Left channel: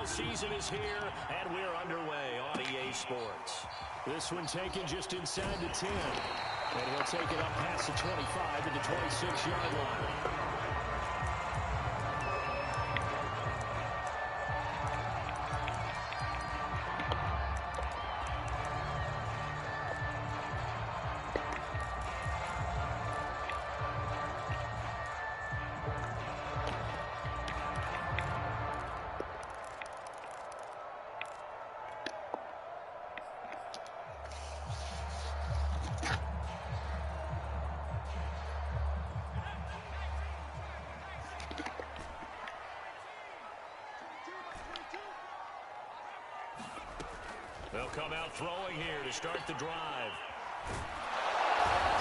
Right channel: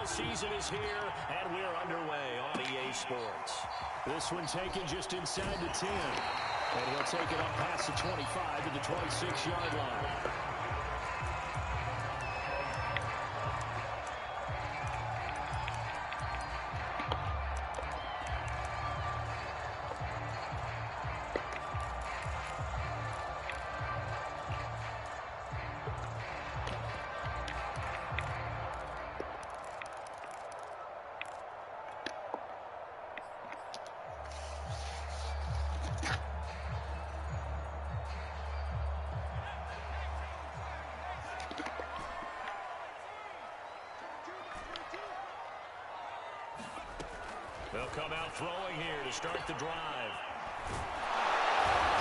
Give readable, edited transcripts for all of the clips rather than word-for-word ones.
NFL season is here, and we're underway on EA Sports. This one taken just inside the 10. And he'll take it up past the 25 to the 26-yard line. They'll come out throwing here to start the drive.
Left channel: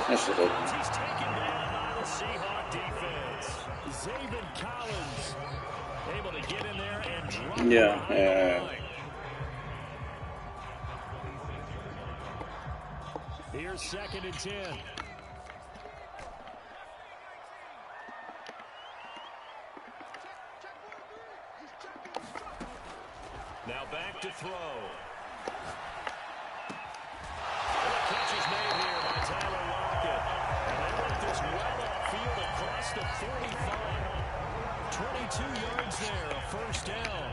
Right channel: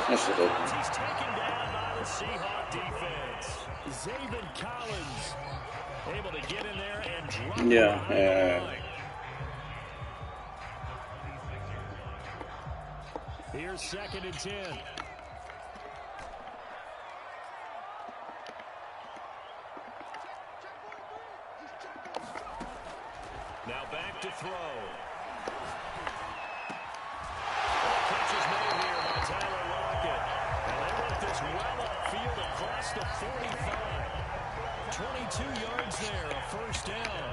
This is open. He's taken down by the Seahawk defense. Zaven Collins able to get in there and drop behind the line. Here's 2nd and 10. Now back to throw. Catch is made here by Tyler Lockett. And they work this well upfield across the 45. 22 yards there, a first down.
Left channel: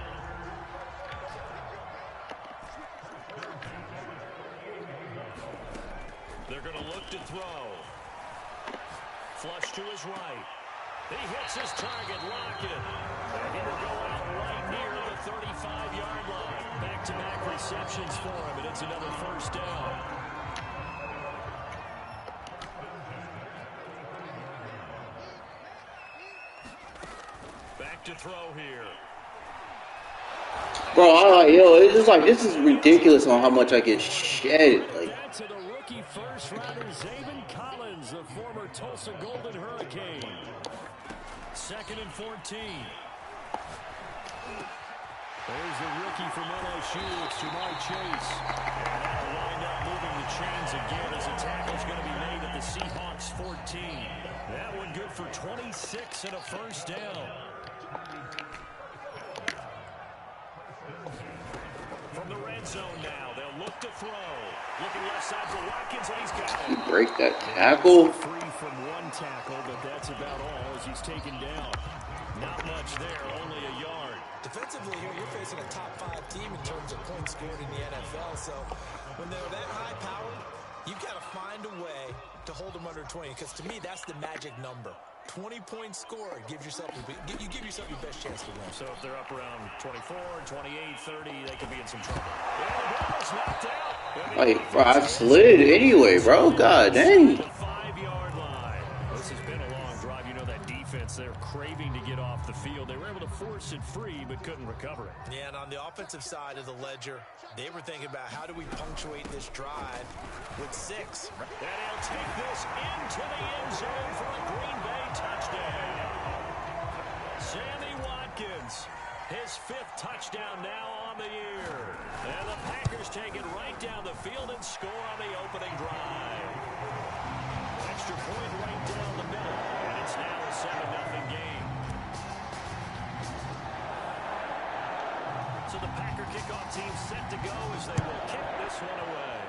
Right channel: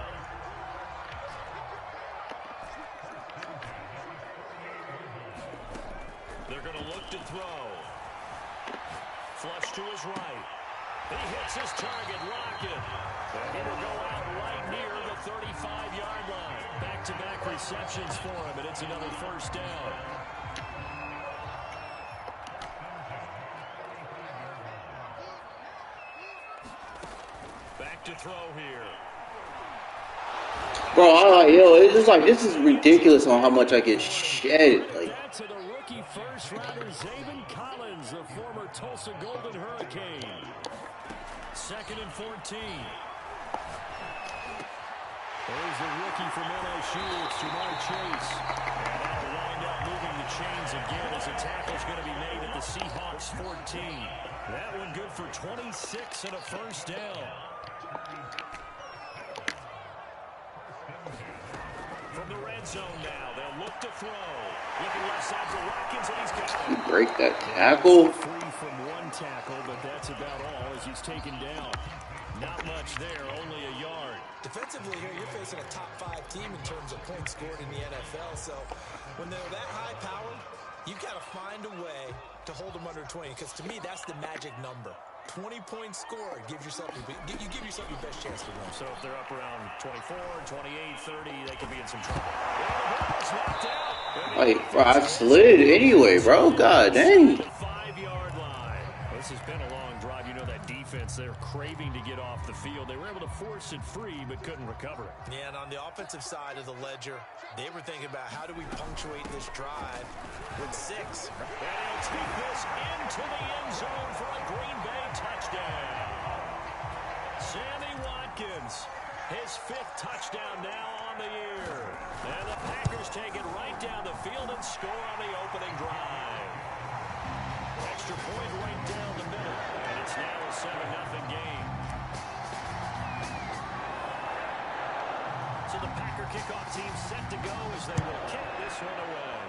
They're going to look to throw. Flush to his right. He hits his target, Lockett. And he will go out right near the 35-yard line. Back-to-back receptions for him, and it's another first down. Back to throw here. Bro, it's just like, this is ridiculous on how much I get shedded. Like, that's to the rookie first rounder, Zaven Collins, the former Tulsa Golden Hurricane. 2nd and 14. There's the rookie from LSU. It's Jamar Chase. And that'll wind up moving the chains again as a tackle's going to be made at the Seahawks 14. That one good for 26 and a first down. From the red zone now, they'll look to throw. Looking left side for Watkins, and he's got it. Break that tackle. Free from one tackle, but that's about all as he's taken down. Not much there, only a yard. Defensively here, you're facing a top-5 team in terms of points scored in the NFL. So when they're that high-powered, you've got to find a way to hold them under 20. Because to me, that's the magic number. 20 points scored, you give yourself your best chance to win. So if they're up around 24, 28, 30, they could be in some trouble. Yeah, the ball is knocked out. Like, bro, I've slid anyway, bro. God dang. The 5-yard line. This has been a long drive. You know that defense, they're craving to get off the field. They were able to force it free, but couldn't recover it. Yeah, and on the offensive side of the ledger, they were thinking about how do we punctuate this drive with 6. And he'll take this into the end zone for a Green Bay touchdown. Sammy Watkins, his 5th touchdown now on the year. And the Packers take it right down the field and score on the opening drive. Extra point right down the middle, and it's now a 7-0 game. So the Packer kickoff team set to go as they will kick this one away.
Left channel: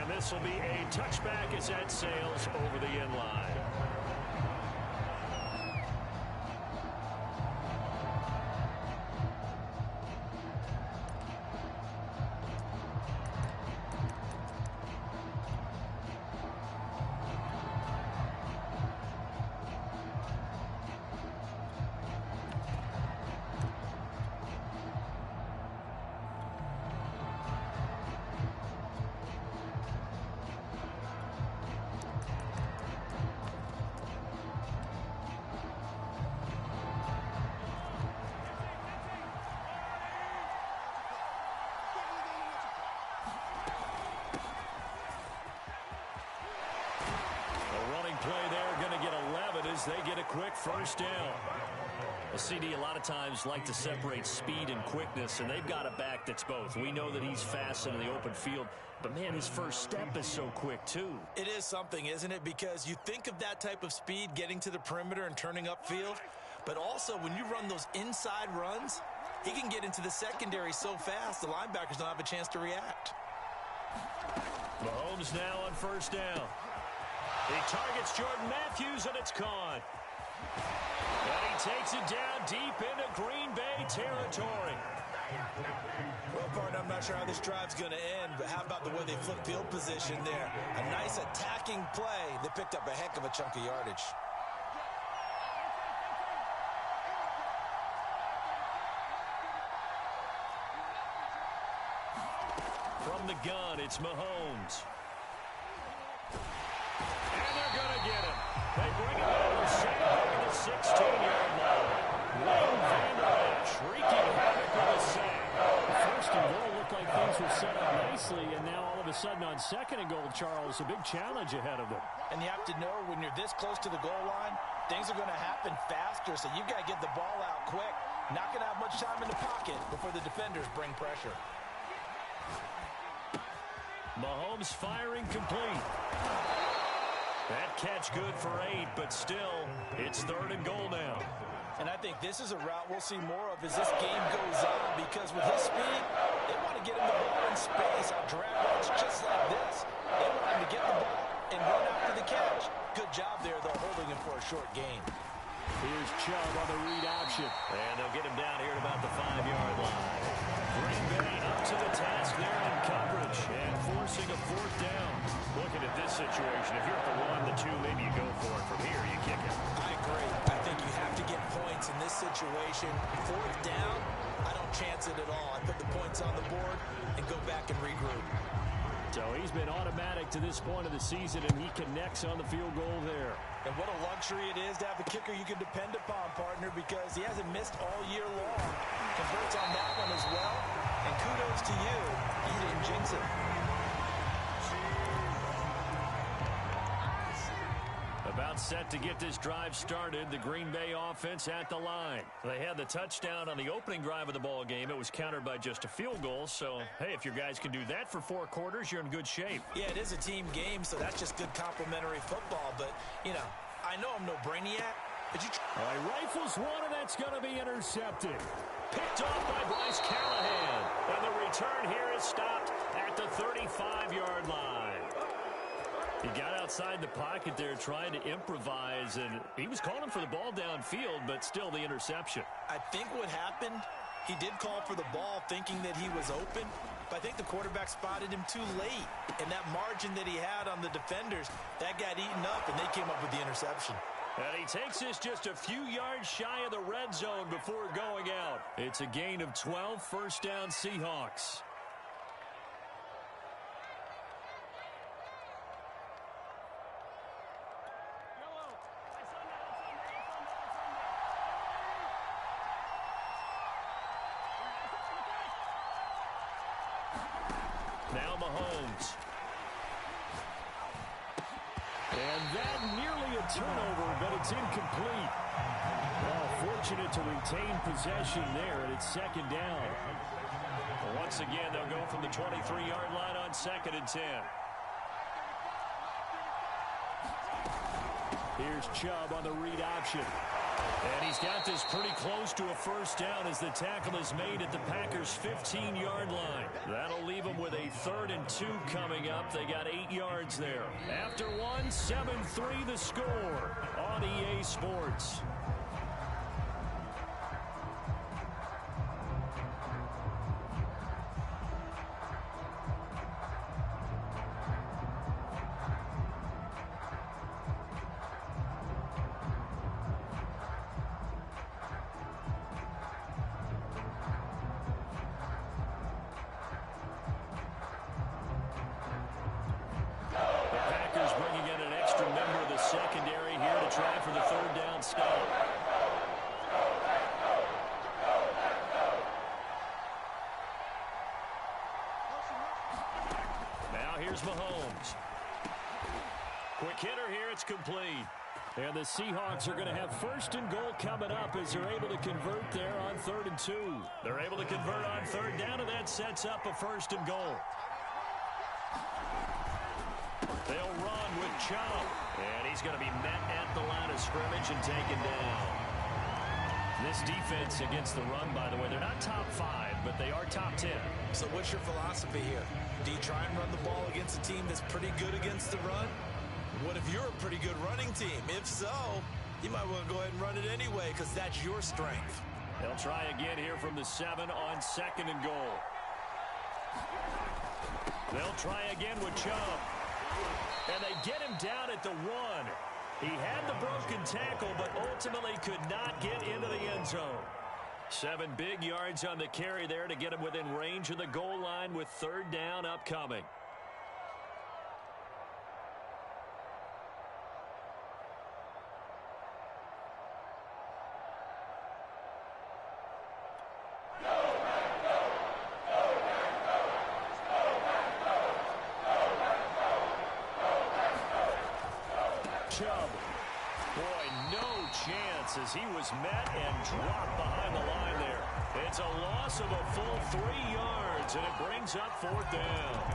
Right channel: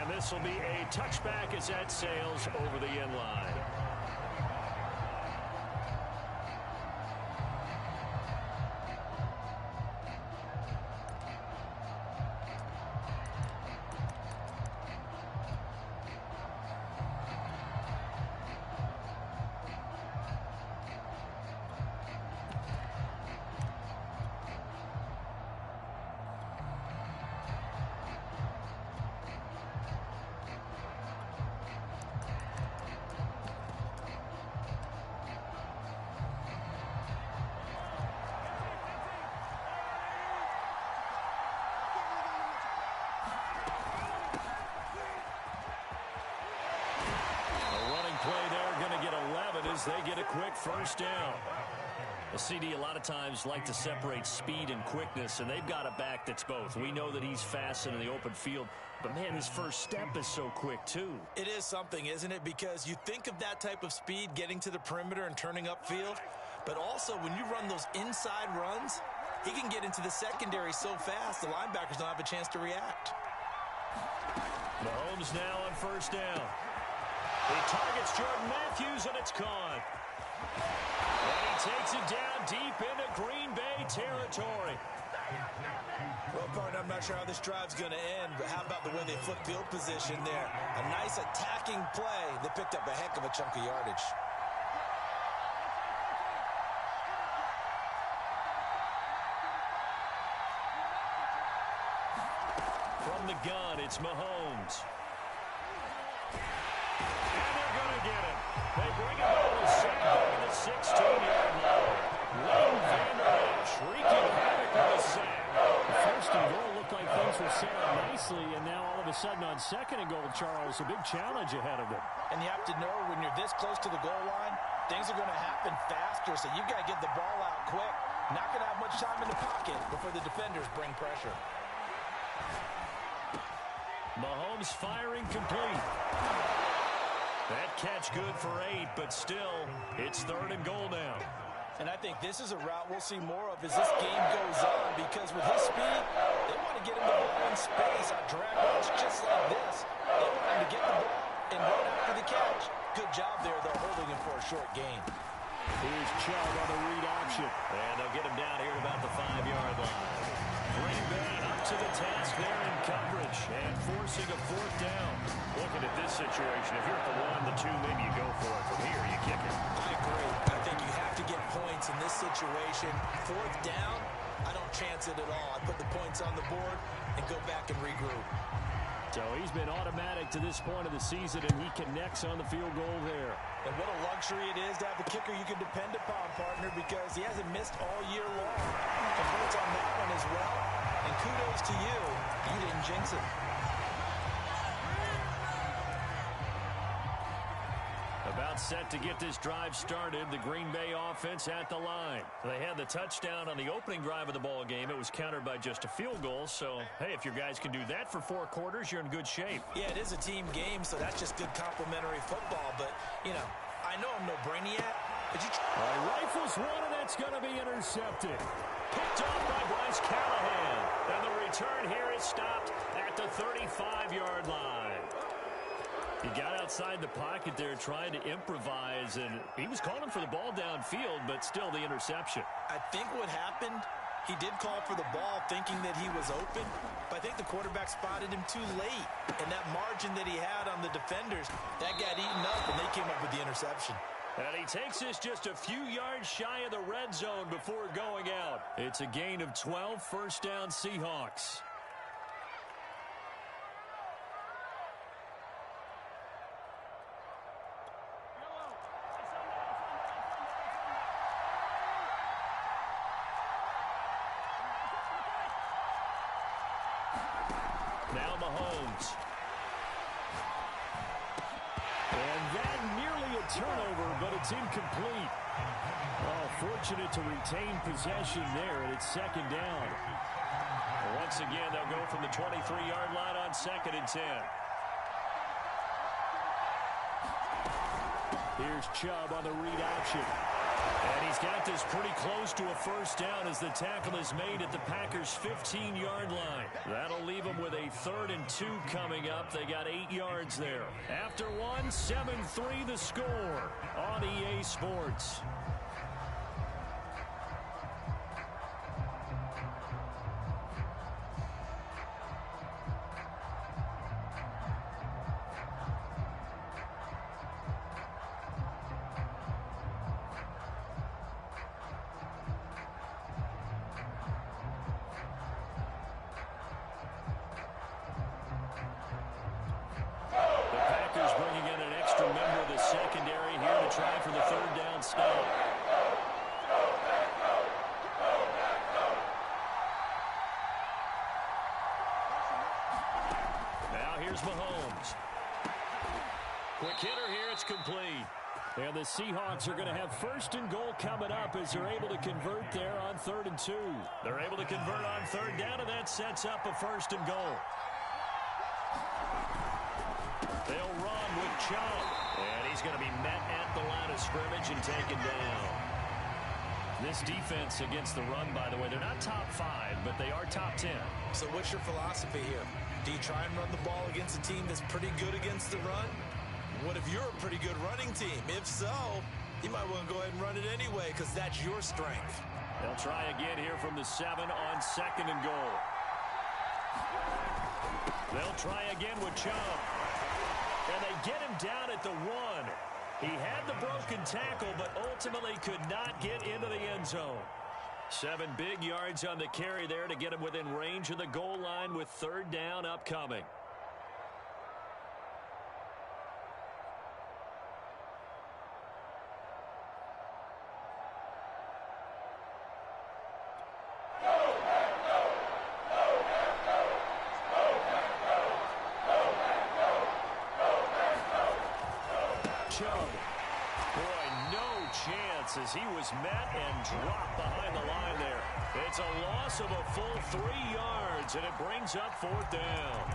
And this will be a touchback as that sails over the end line. Play there, going to get 11 as they get a quick first down. Well, CD, a lot of times like to separate speed and quickness, and they've got a back that's both. We know that he's fast in the open field, but, man, his first step is so quick, too. It is something, isn't it? Because you think of that type of speed getting to the perimeter and turning upfield, But also, when you run those inside runs, he can get into the secondary so fast, the linebackers don't have a chance to react. Mahomes now on first down. He targets Jordan Matthews, and it's caught. And he takes it down deep into Green Bay territory. Well, partner, I'm not sure how this drive's going to end, but how about the way they flip field position there? A nice attacking play that picked up a heck of a chunk of yardage. From the gun, it's Mahomes. And they're going to get him. They bring him down to sack back at the 16-yard line. Leighton Vander Esch wreaking havoc with a sack. The first and goal looked like things were set up nicely, and now all of a sudden on second and goal, Charles, a big challenge ahead of them. And you have to know when you're this close to the goal line, things are going to happen faster, so you've got to get the ball out quick. Not going to have much time in the pocket before the defenders bring pressure. Mahomes firing complete. That catch good for 8, but still, it's third and goal now. And I think this is a route we'll see more of as this game goes on, because with his speed, they want to get him the ball in space on drag routes just like this. They want him to get the ball and run after the catch. Good job there, though, holding him for a short gain. Here's Chubb on the read option. And they'll get him down here at about the 5-yard line. Green Bay up to the task there in coverage and forcing a fourth down. Looking at this situation, if you're at the 1, the 2, maybe you go for it. From here, you kick it. I agree. I think you have to get points in this situation. Fourth down, I don't chance it at all. I put the points on the board and go back and regroup. So he's been automatic to this point of the season, and he connects on the field goal there. And what a luxury it is to have a kicker you can depend upon, partner, because he hasn't missed all year long. Converts on that one as well. And kudos to you. You didn't jinx it. About set to get this drive started. The Green Bay offense at the line. They had the touchdown on the opening drive of the ball game. It was countered by just a field goal. So, hey, if your guys can do that for 4 quarters, you're in good shape. Yeah, it is a team game, so that's just good complimentary football. But, you know, I know I'm no brainiac, but you... All right, rifles one, and that's going to be intercepted. Picked off by Bryce Callahan. And the return here is stopped at the 35-yard line. He got outside the pocket there trying to improvise, and he was calling for the ball downfield, but still the interception. I think what happened, he did call for the ball thinking that he was open, but I think the quarterback spotted him too late. And that margin that he had on the defenders, that got eaten up, and they came up with the interception. And he takes this just a few yards shy of the red zone before going out. It's a gain of 12, first down Seahawks. Now Mahomes. And that nearly a turnover, but it's incomplete. Oh, fortunate to retain possession there, and it's second down. Once again, they'll go from the 23-yard line on second and 10. Here's Chubb on the read option. And he's got this pretty close to a first down as the tackle is made at the Packers' 15-yard line. That'll leave them with a 3rd and 2 coming up. They got 8 yards there. After one, 7-3 the score on EA Sports. Bringing in an extra member of the secondary here to try for the 3rd down stop. Now here's Mahomes. Quick hitter here, it's complete. And the Seahawks are going to have 1st and goal coming up as they're able to convert there on 3rd and 2. They're able to convert on 3rd down, and that sets up a 1st and goal. They'll run with Chubb. And he's going to be met at the line of scrimmage and taken down. This defense against the run, by the way, they're not top 5, but they are top 10. So what's your philosophy here? Do you try and run the ball against a team that's pretty good against the run? What if you're a pretty good running team? If so, you might want to go ahead and run it anyway because that's your strength. They'll try again here from the 7 on 2nd and goal. They'll try again with Chubb. And they get him down at the 1. He had the broken tackle, but ultimately could not get into the end zone. 7 big yards on the carry there to get him within range of the goal line with 3rd down upcoming. Chubb. Boy, no chance as he was met and dropped behind the line there. It's a loss of a full 3 yards, and it brings up 4th down.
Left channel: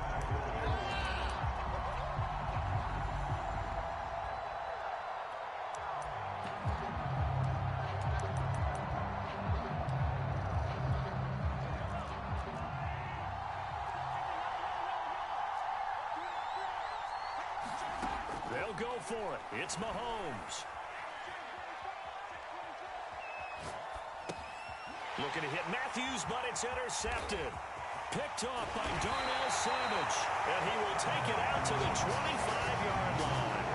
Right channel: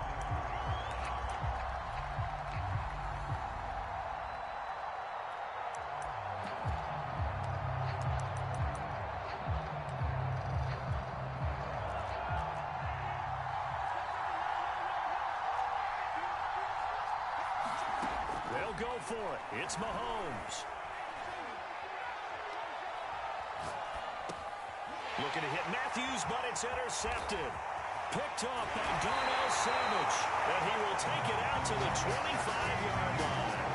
They'll go for it. It's Mahomes. Looking to hit Matthews, but it's intercepted. Picked off by Darnell Savage. And he will take it out to the 25-yard line.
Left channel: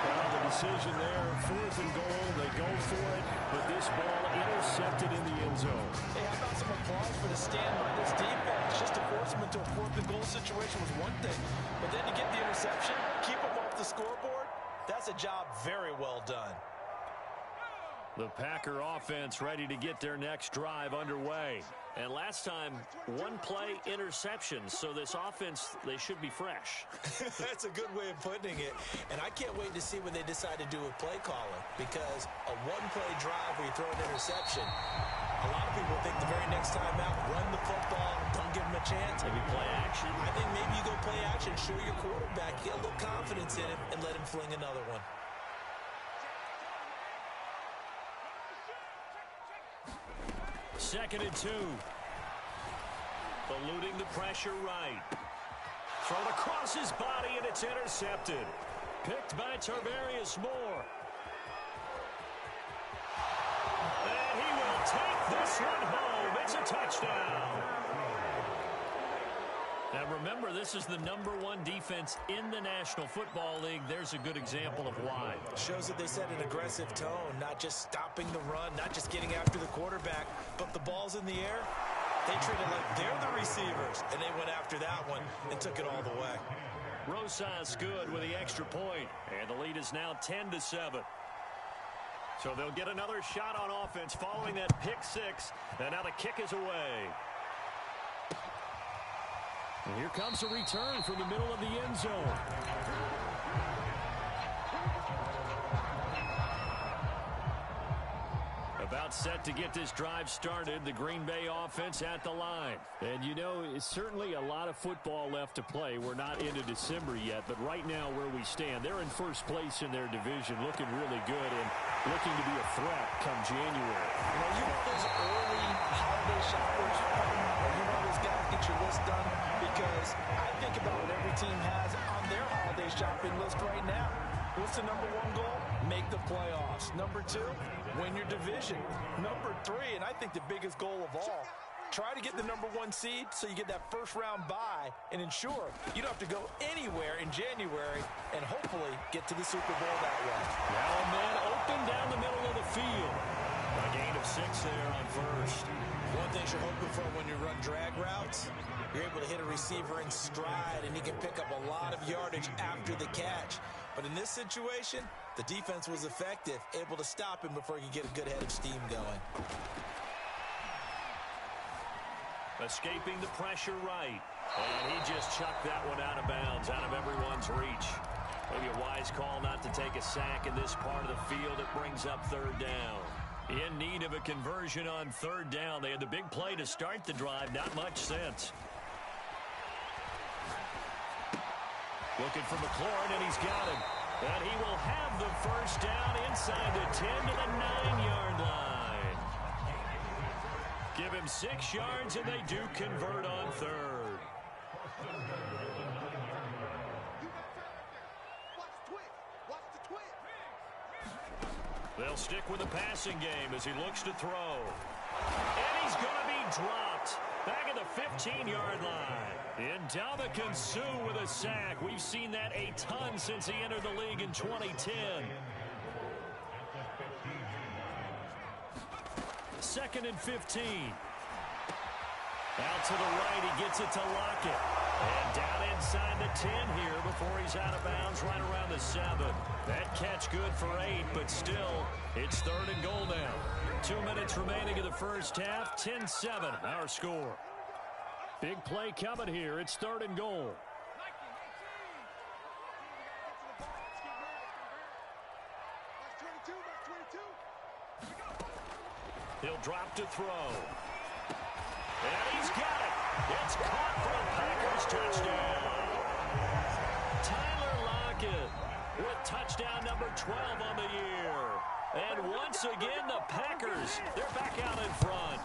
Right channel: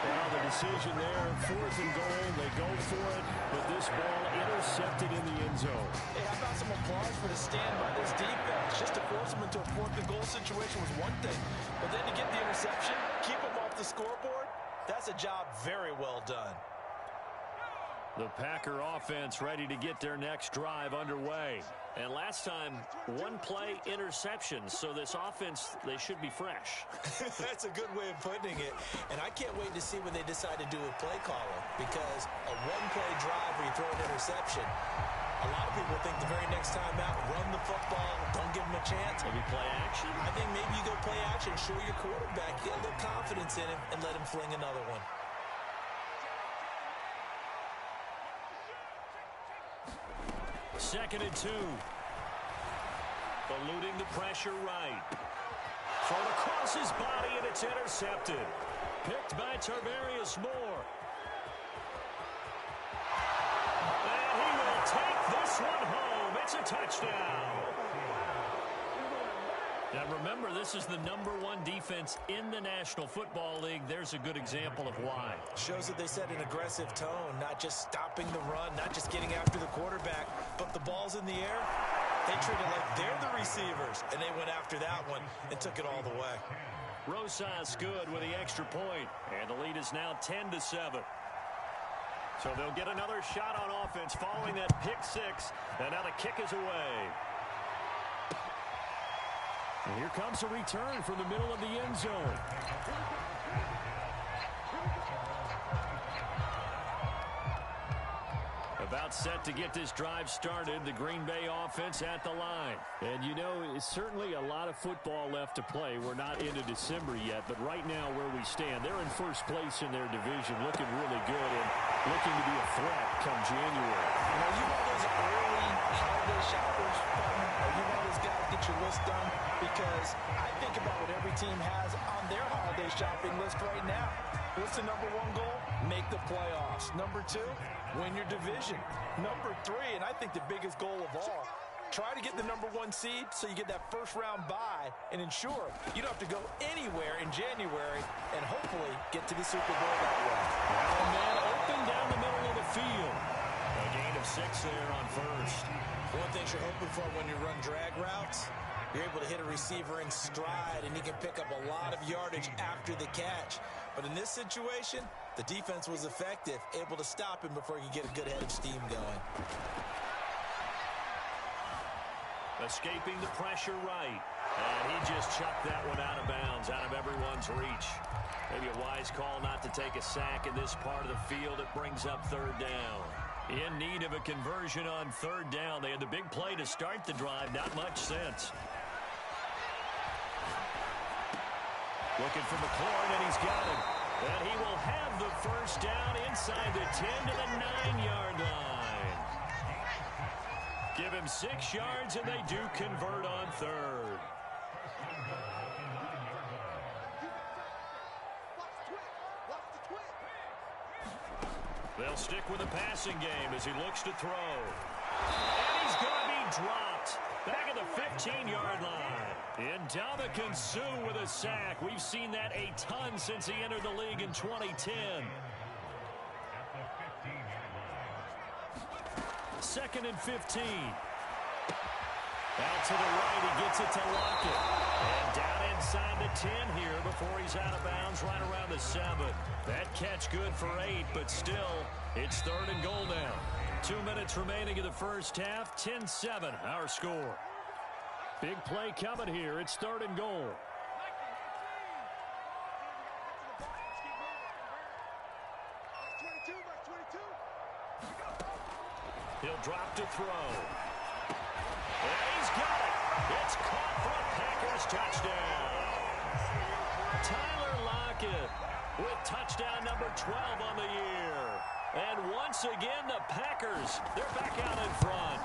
Well, the decision there, 4th and goal. They go for it, but this ball intercepted in the end zone. Hey, how about some applause for the stand by this defense? Just to force them into a 4th and goal situation was one thing. But then to get the interception, keep them off the scoreboard, that's a job very well done. The Packer offense ready to get their next drive underway. And last time, 1-play interception. So this offense, they should be fresh. That's a good way of putting it. And I can't wait to see what they decide to do with play calling. Because a 1-play drive where you throw an interception, a lot of people think the very next time out, run the football, don't give them a chance. Maybe play action? I think maybe you go play action, show your quarterback, get a little confidence in him, and let him fling another one. Second and 2. Eluding the pressure right. Thrown across his body, and it's intercepted. Picked by Tarvarius Moore. And he will take this one home. It's a touchdown. Now remember, this is the #1 defense in the National Football League. There's a good example of why. Shows that they set an aggressive tone, not just stopping the run, not just getting after the quarterback, but the ball's in the air. They treat it like they're the receivers, and they went after that one and took it all the way. Rosas good with the extra point, and the lead is now 10-7. So they'll get another shot on offense following that pick 6, and now the kick is away. And here comes a return from the middle of the end zone. About set to get this drive started, the Green Bay offense at the line. And you know, it's certainly a lot of football left to play. We're not into December yet, but right now where we stand, they're in first place in their division, looking really good and looking to be a threat come January. You know, you one of those early holiday shoppers, partner? Are you one of those guys get your list done? Because I think about what every team has on their holiday shopping list right now. What's the #1 goal? Make the playoffs. #2, win your division. #3, and I think the biggest goal of all, try to get the #1 seed so you get that first-round bye and ensure you don't have to go anywhere in January and hopefully get to the Super Bowl that way. Now a man open down the middle of the field. A gain of 6 there on first. One thing you're hoping for when you run drag routes, you're able to hit a receiver in stride, and he can pick up a lot of yardage after the catch. But in this situation, the defense was effective, able to stop him before he could get a good head of steam going. Escaping the pressure right. And he just chucked that one out of bounds, out of everyone's reach. Maybe a wise call not to take a sack in this part of the field. It brings up 3rd down. In need of a conversion on 3rd down. They had the big play to start the drive. Not much sense. Looking for McLaurin, and he's got him. And he will have the first down inside the 10 to the 9-yard line. him 6 yards, and they do convert on third. They'll stick with the passing game as he looks to throw. And he's going to be dropped back at the 15-yard line. Ndamukong Suh with a sack. We've seen that a ton since he entered the league in 2010. 2nd and 15. Out to the right, he gets it to Lockett. And down inside the 10 here before he's out of bounds right around the 7. That catch good for 8, but still, it's 3rd and goal now. 2 minutes remaining in the first half, 10-7 our score. Big play coming here. It's 3rd and goal. He'll drop to throw. And he's got it. It's caught for a Packers touchdown. Tyler Lockett with touchdown number 12 on the year. And once again, the Packers, they're back out in front.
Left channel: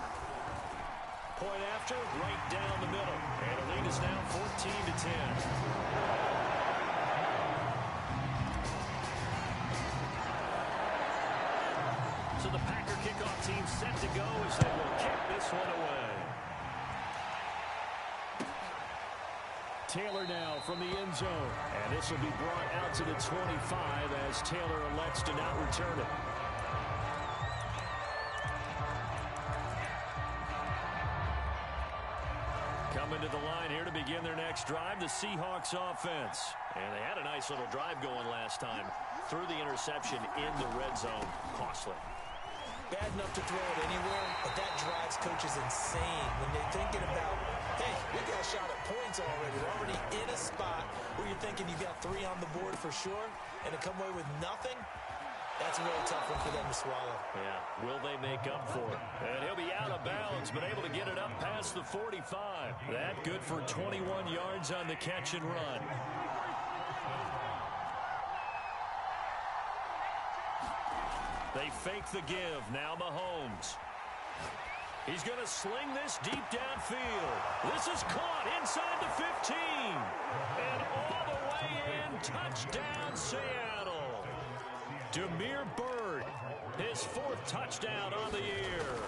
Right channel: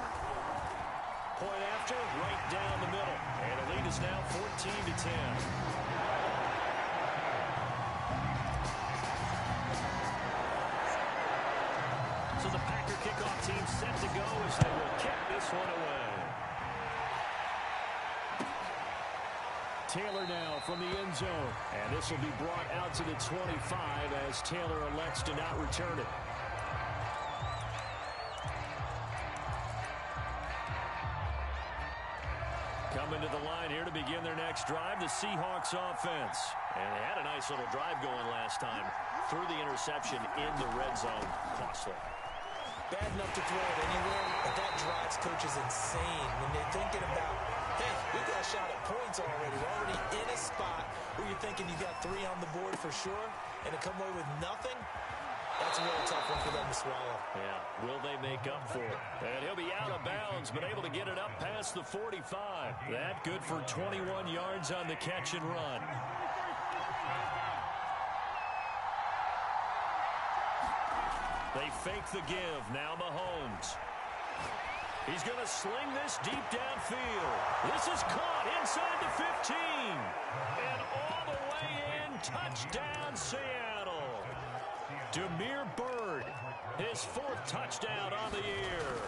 Point after, right down the middle. And the lead is now 14-10. So the Packer kickoff team set to go as they will kick this one away. Taylor now from the end zone. And this will be brought out to the 25 as Taylor elects to not return it. Coming to the line here to begin their next drive, the Seahawks offense. And they had a nice little drive going last time. Threw the interception in the red zone. Costly. Bad enough to throw it anywhere, but that drives coaches insane when they're thinking about, hey, we got a shot at points already. We're already in a spot where you're thinking you got 3 on the board for sure, and to come away with nothing, that's a really tough one for them to swallow. Yeah, will they make up for it? And he'll be out of bounds, but able to get it up past the 45. That good for 21 yards on the catch and run. They fake the give. Now Mahomes. He's going to sling this deep downfield. This is caught inside the 15. And all the way in. Touchdown, Seattle. Damiere Byrd, his 4th touchdown on the year.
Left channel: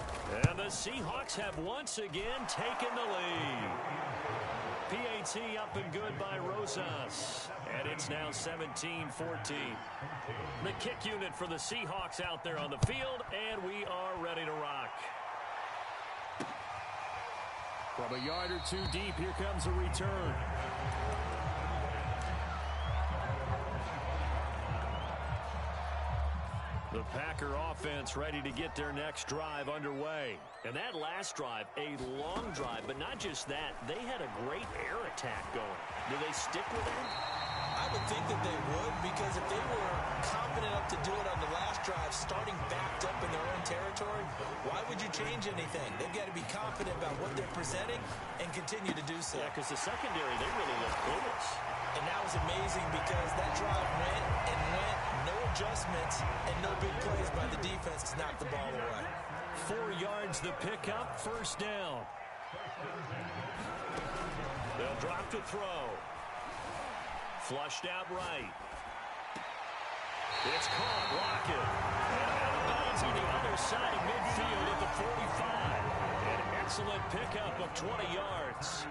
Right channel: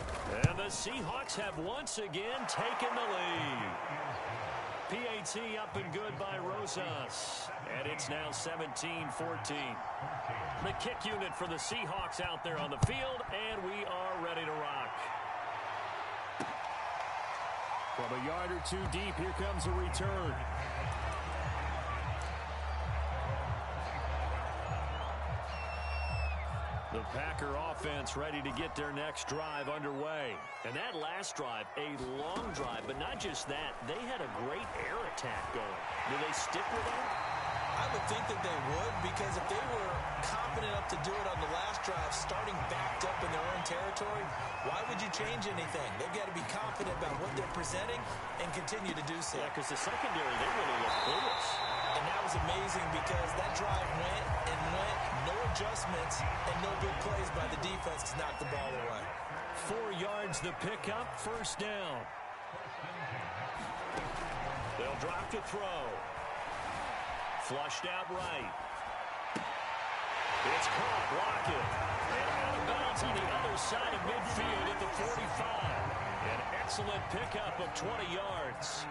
And the Seahawks have once again taken the lead. PAT up and good by Rosas. And it's now 17-14. The kick unit for the Seahawks out there on the field, and we are ready to rock. From a yard or 2 deep, here comes a return. The Packer offense ready to get their next drive underway. And that last drive, a long drive, but not just that. They had a great air attack going. Do they stick with that? I would think that they would, because if they were confident enough to do it on the last drive, starting backed up in their own territory, why would you change anything? They've got to be confident about what they're presenting and continue to do so. Yeah, because the secondary, they really look clueless. And that was amazing because that drive went and went, no adjustments, and no big plays by the defense to knock the ball away. 4 yards the pickup, 1st down. They'll drop to throw. Flushed out right. It's caught. Lockett. And out of bounds on the other side of midfield at the 45. An excellent pickup of 20 yards.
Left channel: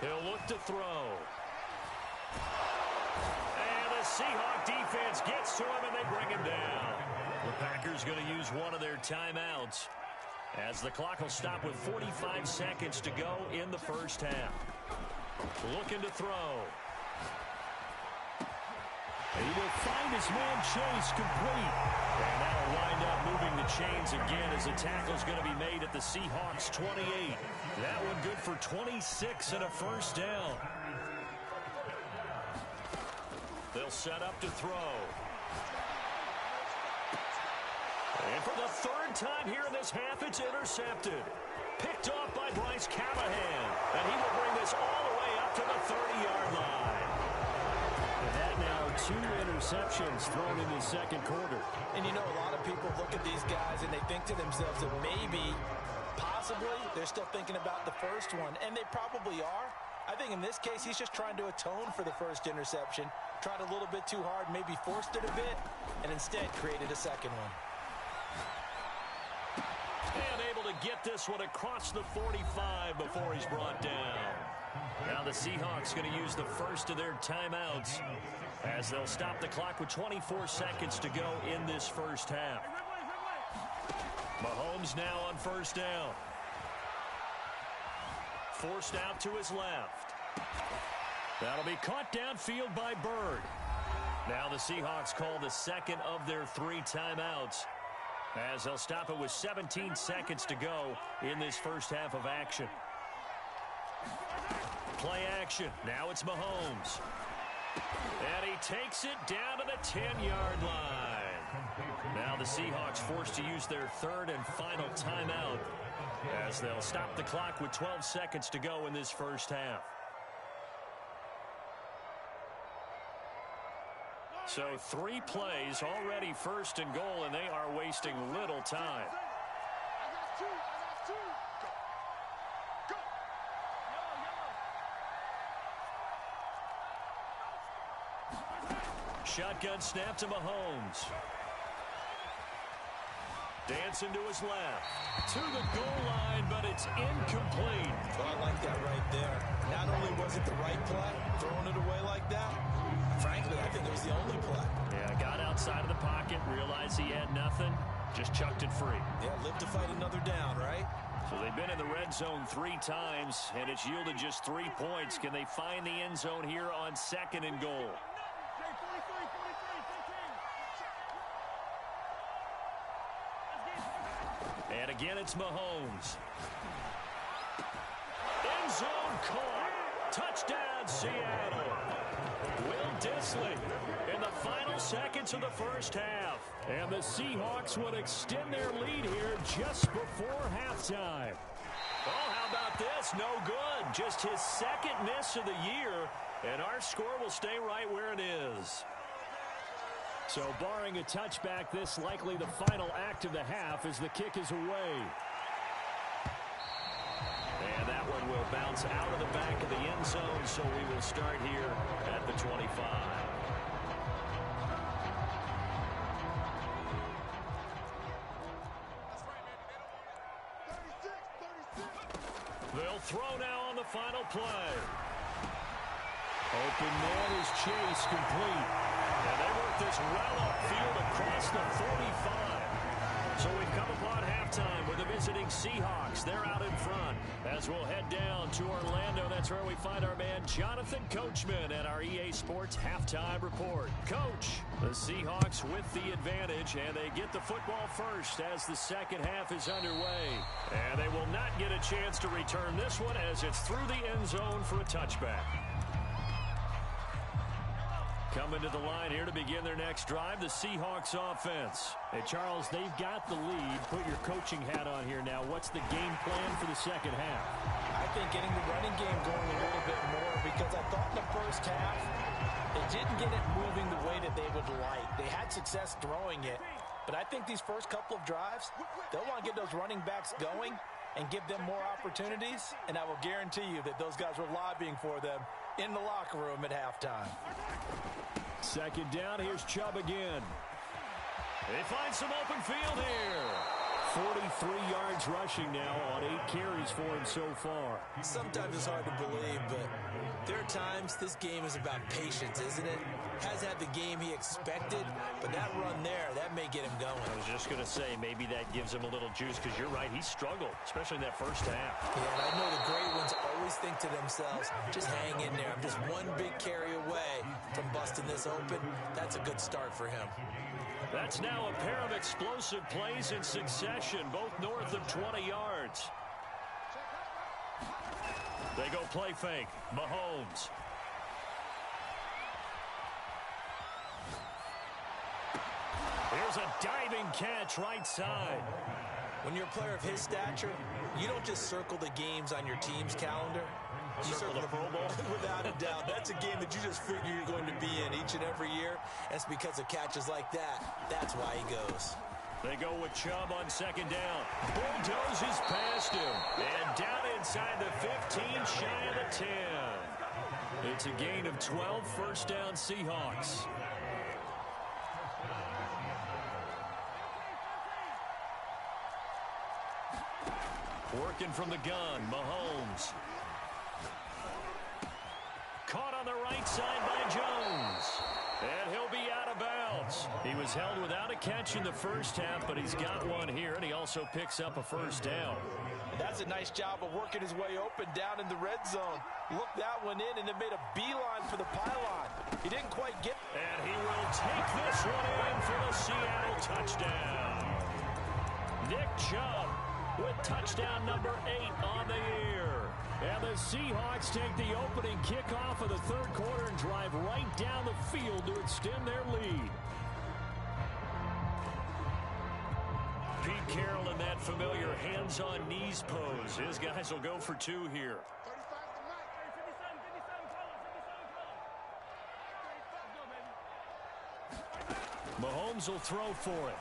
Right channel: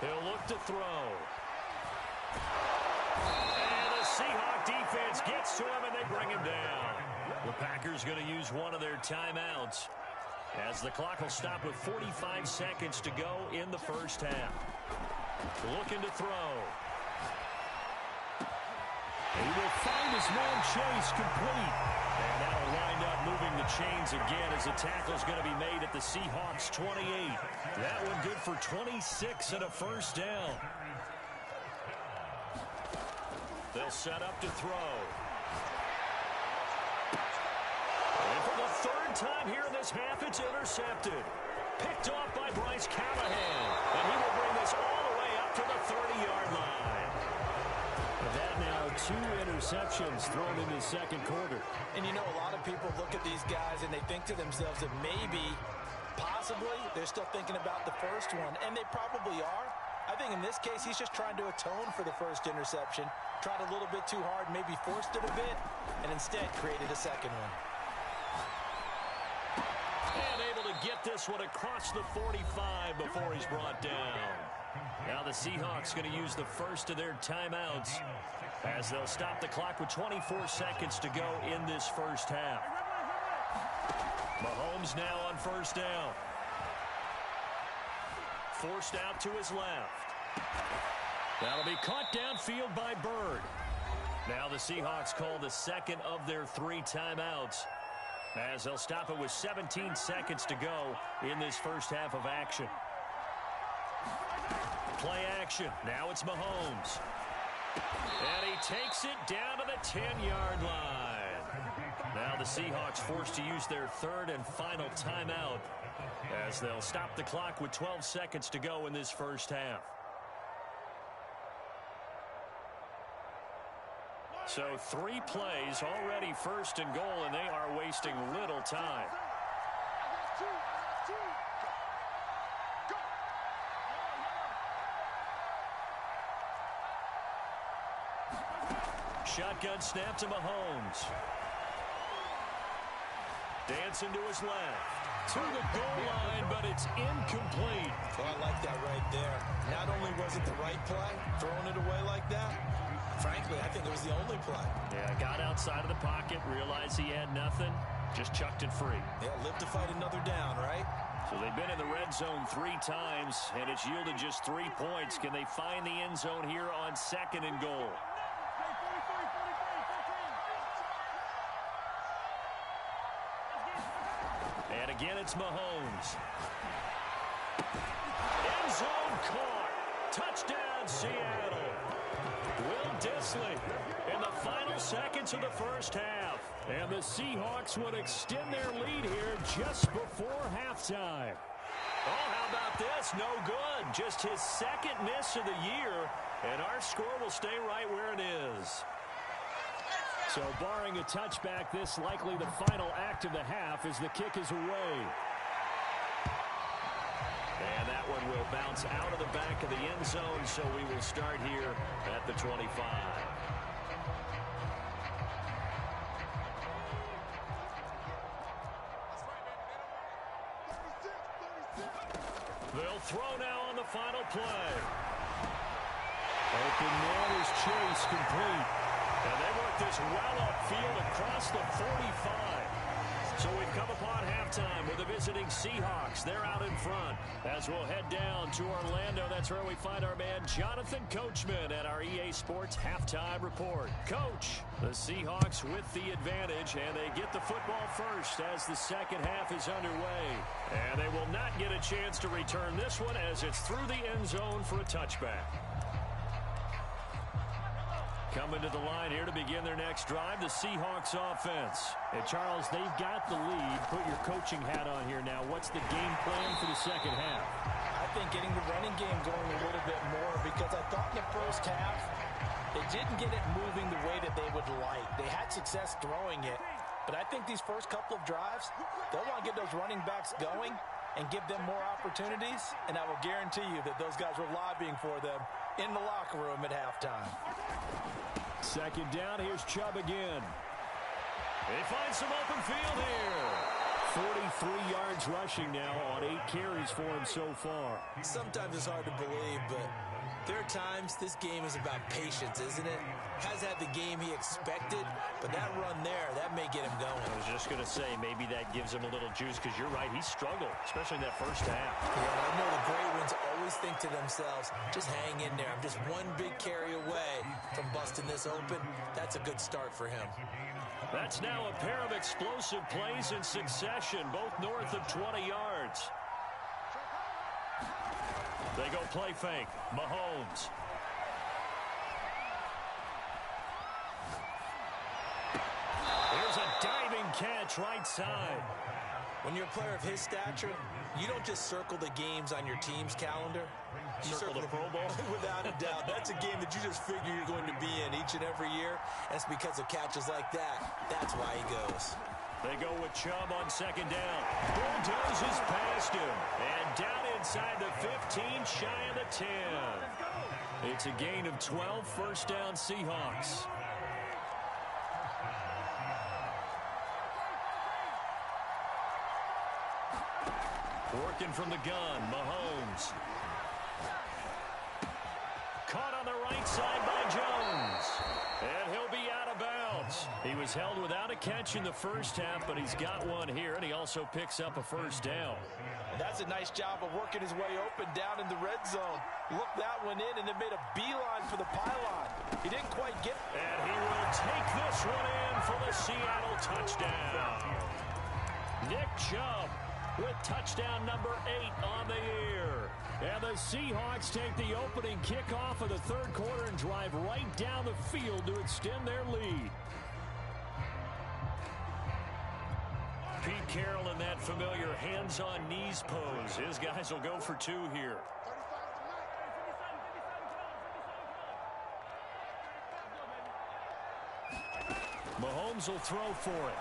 He'll look to throw. And the Seahawk defense gets to him, and they bring him down. The Packers going to use one of their timeouts, as the clock will stop with 45 seconds to go in the first half. Looking to throw. He will find his man Chase complete. And that'll wind up moving the chains again as the tackle's going to be made at the Seahawks 28. That one good for 26 and a 1st down. They'll set up to throw. And for the 3rd time here in this half, it's intercepted. Picked off by Bryce Callahan. And he will bring this all the way up to the 30-yard line. With that now, 2 interceptions thrown in the second quarter. And you know, a lot of people look at these guys and they think to themselves that maybe, possibly, they're still thinking about the first one, and they probably are. I think in this case, he's just trying to atone for the first interception, tried a little bit too hard, maybe forced it a bit, and instead created a second one. And able to get this one across the 45 before he's brought down. Now the Seahawks going to use the first of their timeouts as they'll stop the clock with 24 seconds to go in this first half. Mahomes now on first down. Forced out to his left. That'll be caught downfield by Bird. Now the Seahawks call the second of their 3 timeouts as they'll stop it with 17 seconds to go in this first half of action. Play action. Now it's Mahomes. And he takes it down to the 10-yard line. Now the Seahawks forced to use their 3rd and final timeout as they'll stop the clock with 12 seconds to go in this first half. So 3 plays already 1st and goal, and they are wasting little time. Shotgun snap to Mahomes. Dancing to his left. To the goal line, but it's incomplete. Well, I like that right there. Not only was it the right play, throwing it away like that, frankly, I think it was the only play. Yeah, got outside of the pocket, realized he had nothing, just chucked it free. Yeah, live to fight another down, right? So they've been in the red zone 3 times, and it's yielded just 3 points. Can they find the end zone here on 2nd and goal? And again, it's Mahomes. End zone caught. Touchdown, Seattle. Will Dissly in the final seconds of the first half. And the Seahawks would extend their lead here just before halftime. Oh, how about this? No good. Just his 2nd miss of the year. And our score will stay right where it is. So barring a touchback, this likely the final act of the half as the kick is away. And that one will bounce out of the back of the end zone, so we will start here at the 25. They'll throw now on the final play. Open man is Chase, complete. And they work this well upfield across the 45. So we've come upon halftime with the visiting Seahawks. They're out in front. As we'll head down to Orlando, that's where we find our man Jonathan Coachman at our EA Sports Halftime Report. Coach, the Seahawks with the advantage, and they get the football first as the second half is underway. And they will not get a chance to return this one as it's through the end zone for a touchback. Coming to the line here to begin their next drive, the Seahawks offense. And Charles, they've got the lead. Put your coaching hat on here now. What's the game plan for the second half? I think getting the running game going a little bit more, because I thought in the first half they didn't get it moving the way that they would like. They had success throwing it, but I think these first couple of drives, they'll want to get those running backs going and give them more opportunities, and I will guarantee you that those guys were lobbying for them in the locker room at halftime. Second down, here's Chubb again. They find some open field here. 43 yards rushing now on 8 carries for him so far. Sometimes it's hard to believe, but there are times this game is about patience, isn't it? Has had the game he expected, but that run there, that may get him going. I was just going to say, maybe that gives him a little juice, because you're right, he struggled, especially in that first half. Yeah, and I know the great ones always think to themselves, just hang in there. I'm just one big carry away from busting this open. That's a good start for him. That's now a pair of explosive plays in succession, both north of 20 yards. They go play fake. Mahomes. Here's a diving catch right side. When you're a player of his stature, you don't just circle the games on your team's calendar. circle the Pro Bowl? Without a doubt. That's a game that you just figure you're going to be in each and every year. And it's because of catches like that. That's why he goes. They go with Chubb on second down. Bulldozes past him. And down inside the 15, shy of the 10. It's a gain of 12, first down Seahawks. Working from the gun, Mahomes. Caught on the right side by Jones. And he'll be out of bounds. He was held without a catch in the first half, but he's got one here, and he also picks up a first down. And that's a nice job of working his way open down in the red zone. Looked that one in and then made a beeline for the pylon. He didn't quite get. And he will take this one in for the Seattle touchdown. Nick Chubb with touchdown number 8 on the year. And the Seahawks take the opening kickoff of the third quarter and drive right down the field to extend their lead. Pete Carroll in that familiar hands-on knees pose. His guys will go for 2 here. Mahomes will throw for it.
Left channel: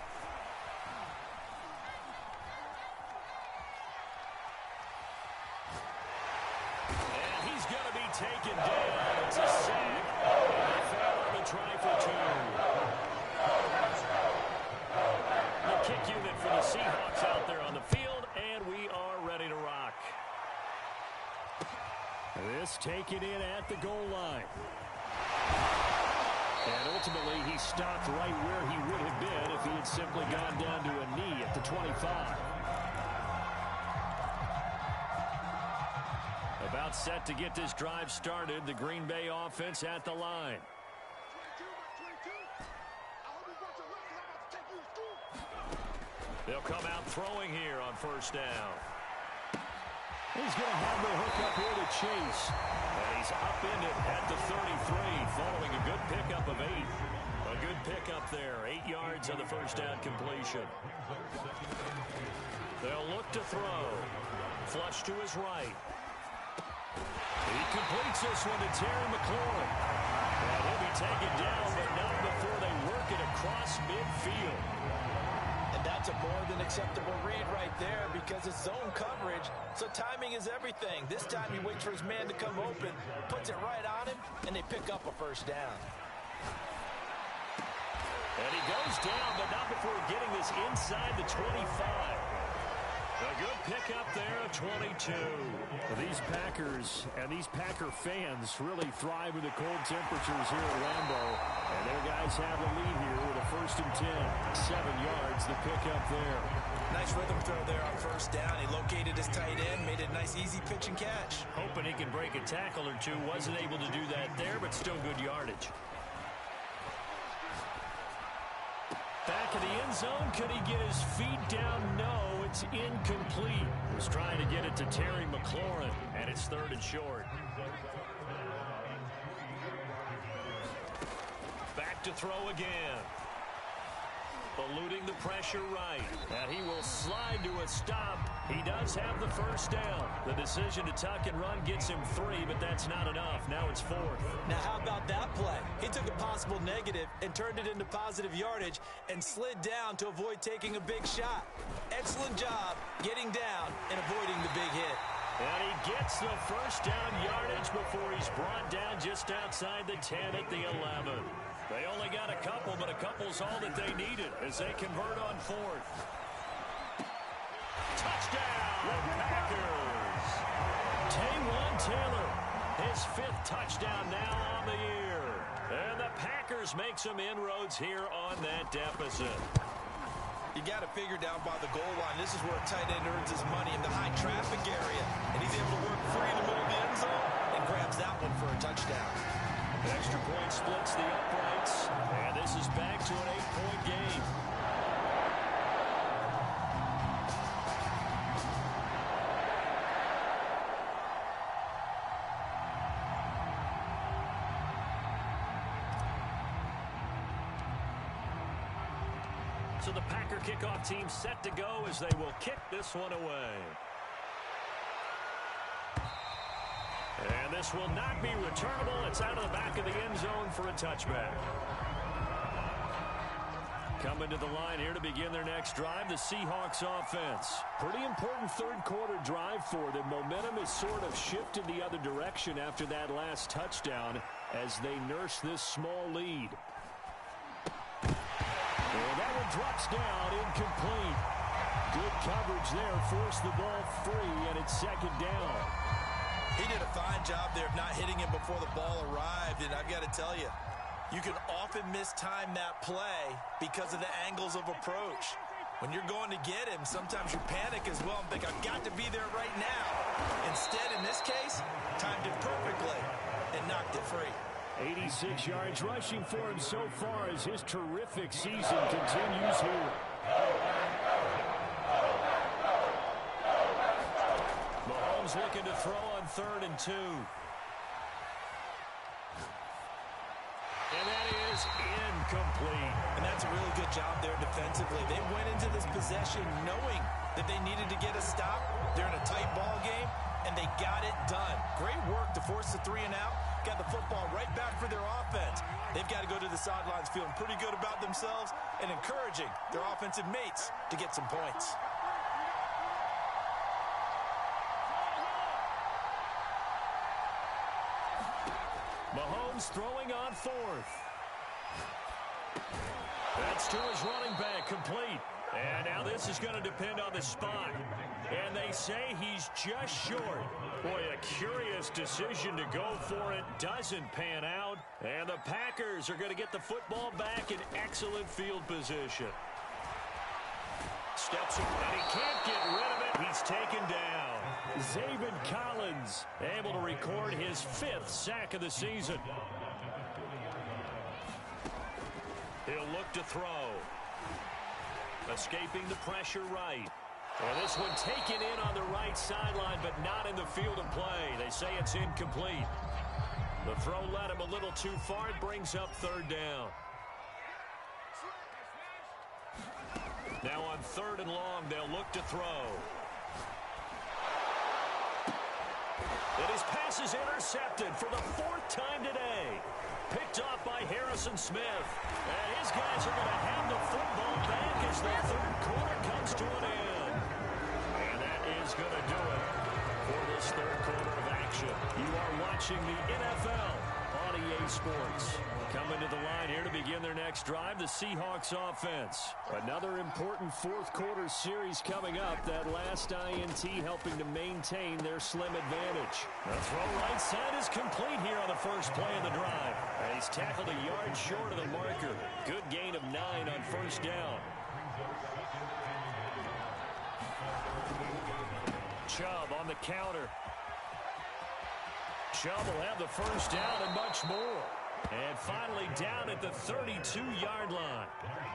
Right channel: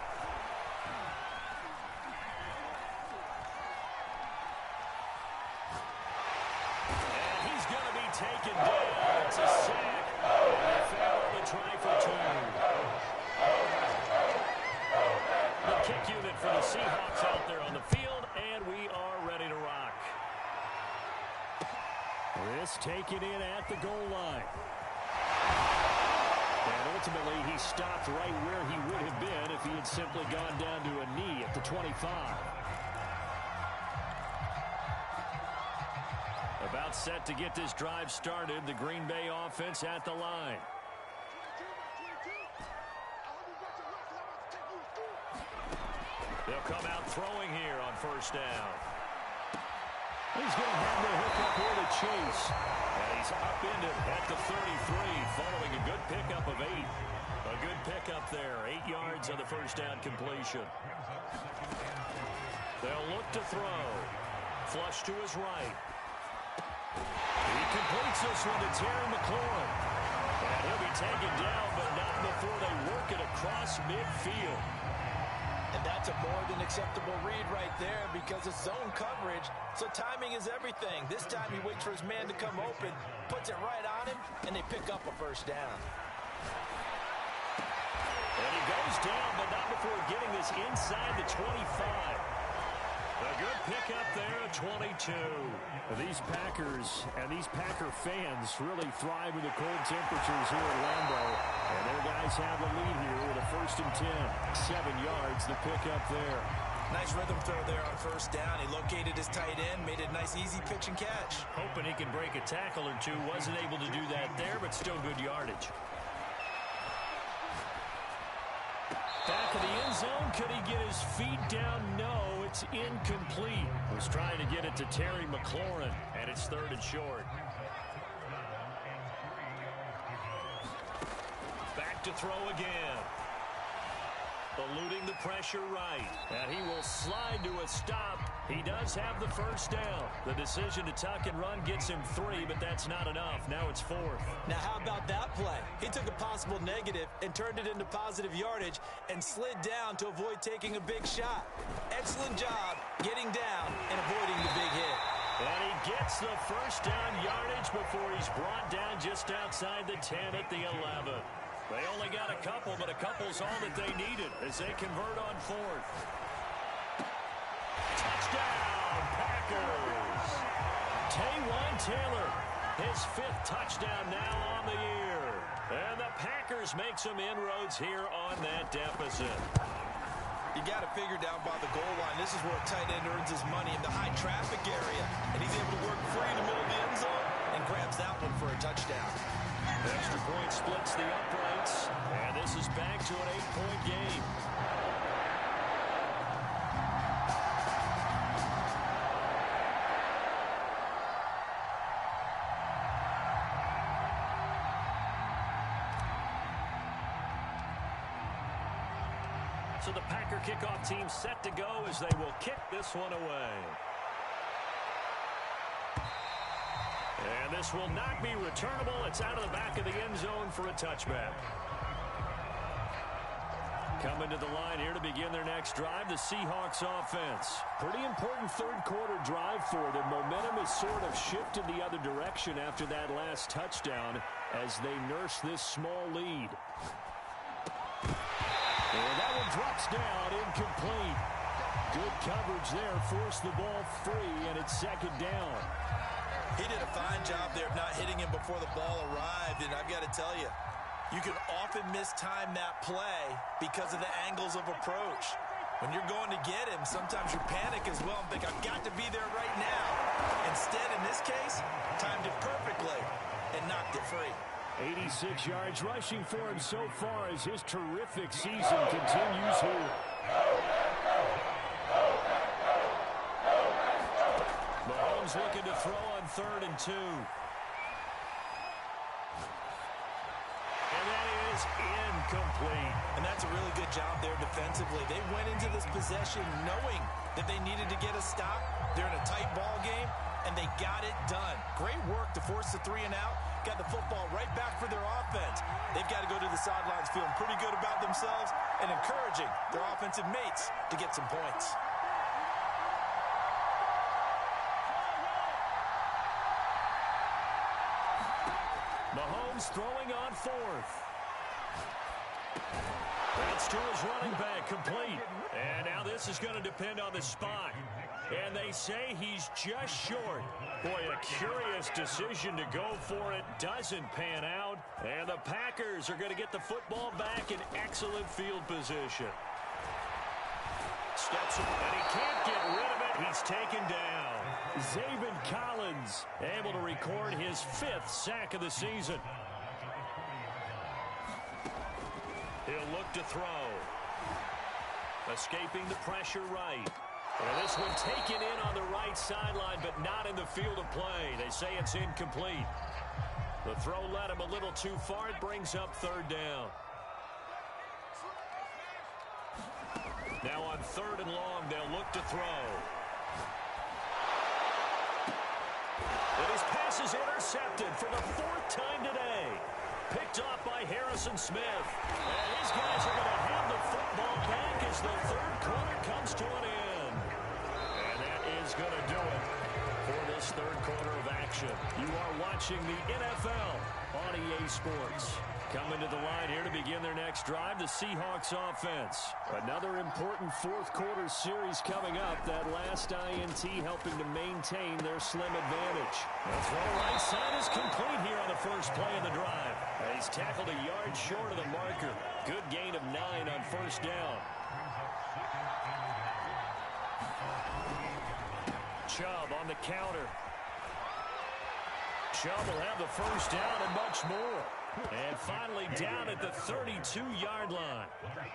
Taken down. It's a sack. And they fail on the try for 2. The kick unit for the Seahawks out there on the field, and we are ready to rock. This taken in at the goal line. And ultimately, he stopped right where he would have been if he had simply gone down to a knee at the 25. About set to get this drive started. The Green Bay offense at the line. They'll come out throwing here on first down. He's going to have the hook up here to Chase. And he's upended at the 33 following a good pickup of 8. A good pickup there. 8 yards on the first down completion. They'll look to throw. Flush to his right. He completes this one to Terry McLaurin. And he'll be taken down, but not before they work it across midfield. And that's a more than acceptable read right there because it's zone coverage, so timing is everything. This time he waits for his man to come open, puts it right on him, and they pick up a first down. And he goes down, but not before getting this inside the 25. A good pickup there at 22. These Packers and these Packer fans really thrive in the cold temperatures here at Lambeau. And their guys have the lead here with a 1st and 10. 7 yards, the pickup there. Nice rhythm throw there on first down. He located his tight end, made it a nice easy pitch and catch. Hoping he can break a tackle or two. Wasn't able to do that there, but still good yardage. Back of the end zone. Could he get his feet down? No, it's incomplete. He was trying to get it to Terry McLaurin, and it's 3rd and short. Back to throw again. Eluding the pressure right. And he will slide to a stop. He does have the first down. The decision to tuck and run gets him 3, but that's not enough. Now it's 4th. Now how about that play? He took a possible negative and turned it into positive yardage and slid down to avoid taking a big shot. Excellent job getting down and avoiding the big hit. And he gets the first down yardage before he's brought down just outside the 10 at the 11. They only got a couple, but a couple's all that they needed as they convert on 4th. Touchdown, Packers! Taywan Taylor, his 5th touchdown now on the year. And the Packers make some inroads here on that deficit. You got to figure down by the goal line. This is where a tight end earns his money in the high traffic area. And he's able to work free in the middle of the end zone and grabs that one for a touchdown. Extra point splits the uprights, and this is back to an 8-point game. So the Packer kickoff team set to go as they will kick this one away. And this will not be returnable. It's out of the back of the end zone for a touchback. Coming to the line here to begin their next drive, the Seahawks offense. Pretty important third quarter drive for them. Momentum has sort of shifted the other direction after that last touchdown as they nurse this small lead. And that one drops down, incomplete. Good coverage there, forced the ball free, and it's second down. He did a fine job there of not hitting him before the ball arrived, and I've got to tell you, you can often mistime that play because of the angles of approach. When you're going to get him, sometimes you panic as well and think, I've got to be there right now. Instead, in this case, timed it perfectly and knocked it free. 86 yards rushing for him so far as his terrific season continues here. Mahomes looking to throw on 3rd and 2. And that is incomplete. And that's a really good job there defensively. They went into this possession knowing that they needed to get a stop. They're in a tight ball game, and they got it done. Great work to force the 3 and out. Got the football right back for their offense. They've got to go to the sidelines feeling pretty good about themselves and encouraging their offensive mates to get some points. Mahomes throwing on 4th. That's to his running back, complete. And now this is going to depend on the spot. And they say he's just short. Boy, a curious decision to go for it. Doesn't pan out. And the Packers are going to get the football back in excellent field position. Steps up, and he can't get rid of it. He's taken down. Zaven Collins able to record his 5th sack of the season. He'll look to throw. Escaping the pressure right. And this one taken in on the right sideline, but not in the field of play. They say it's incomplete. The throw led him a little too far. It brings up 3rd down. Now on 3rd and long, they'll look to throw. And his pass is intercepted for the 4th time today. Picked off by Harrison Smith. And his guys are going to have the football back as the 3rd quarter comes to an end. And that is going to do it for this 3rd quarter of action. You are watching the NFL on EA Sports. Coming to the line here to begin their next drive, the Seahawks offense. Another important 4th quarter series coming up. That last INT helping to maintain their slim advantage. The throw right side is complete here on the first play of the drive. And he's tackled a yard short of the marker. Good gain of 9 on 1st down. Chubb on the counter. Chubb will have the 1st down and much more. And finally down at the 32-yard line.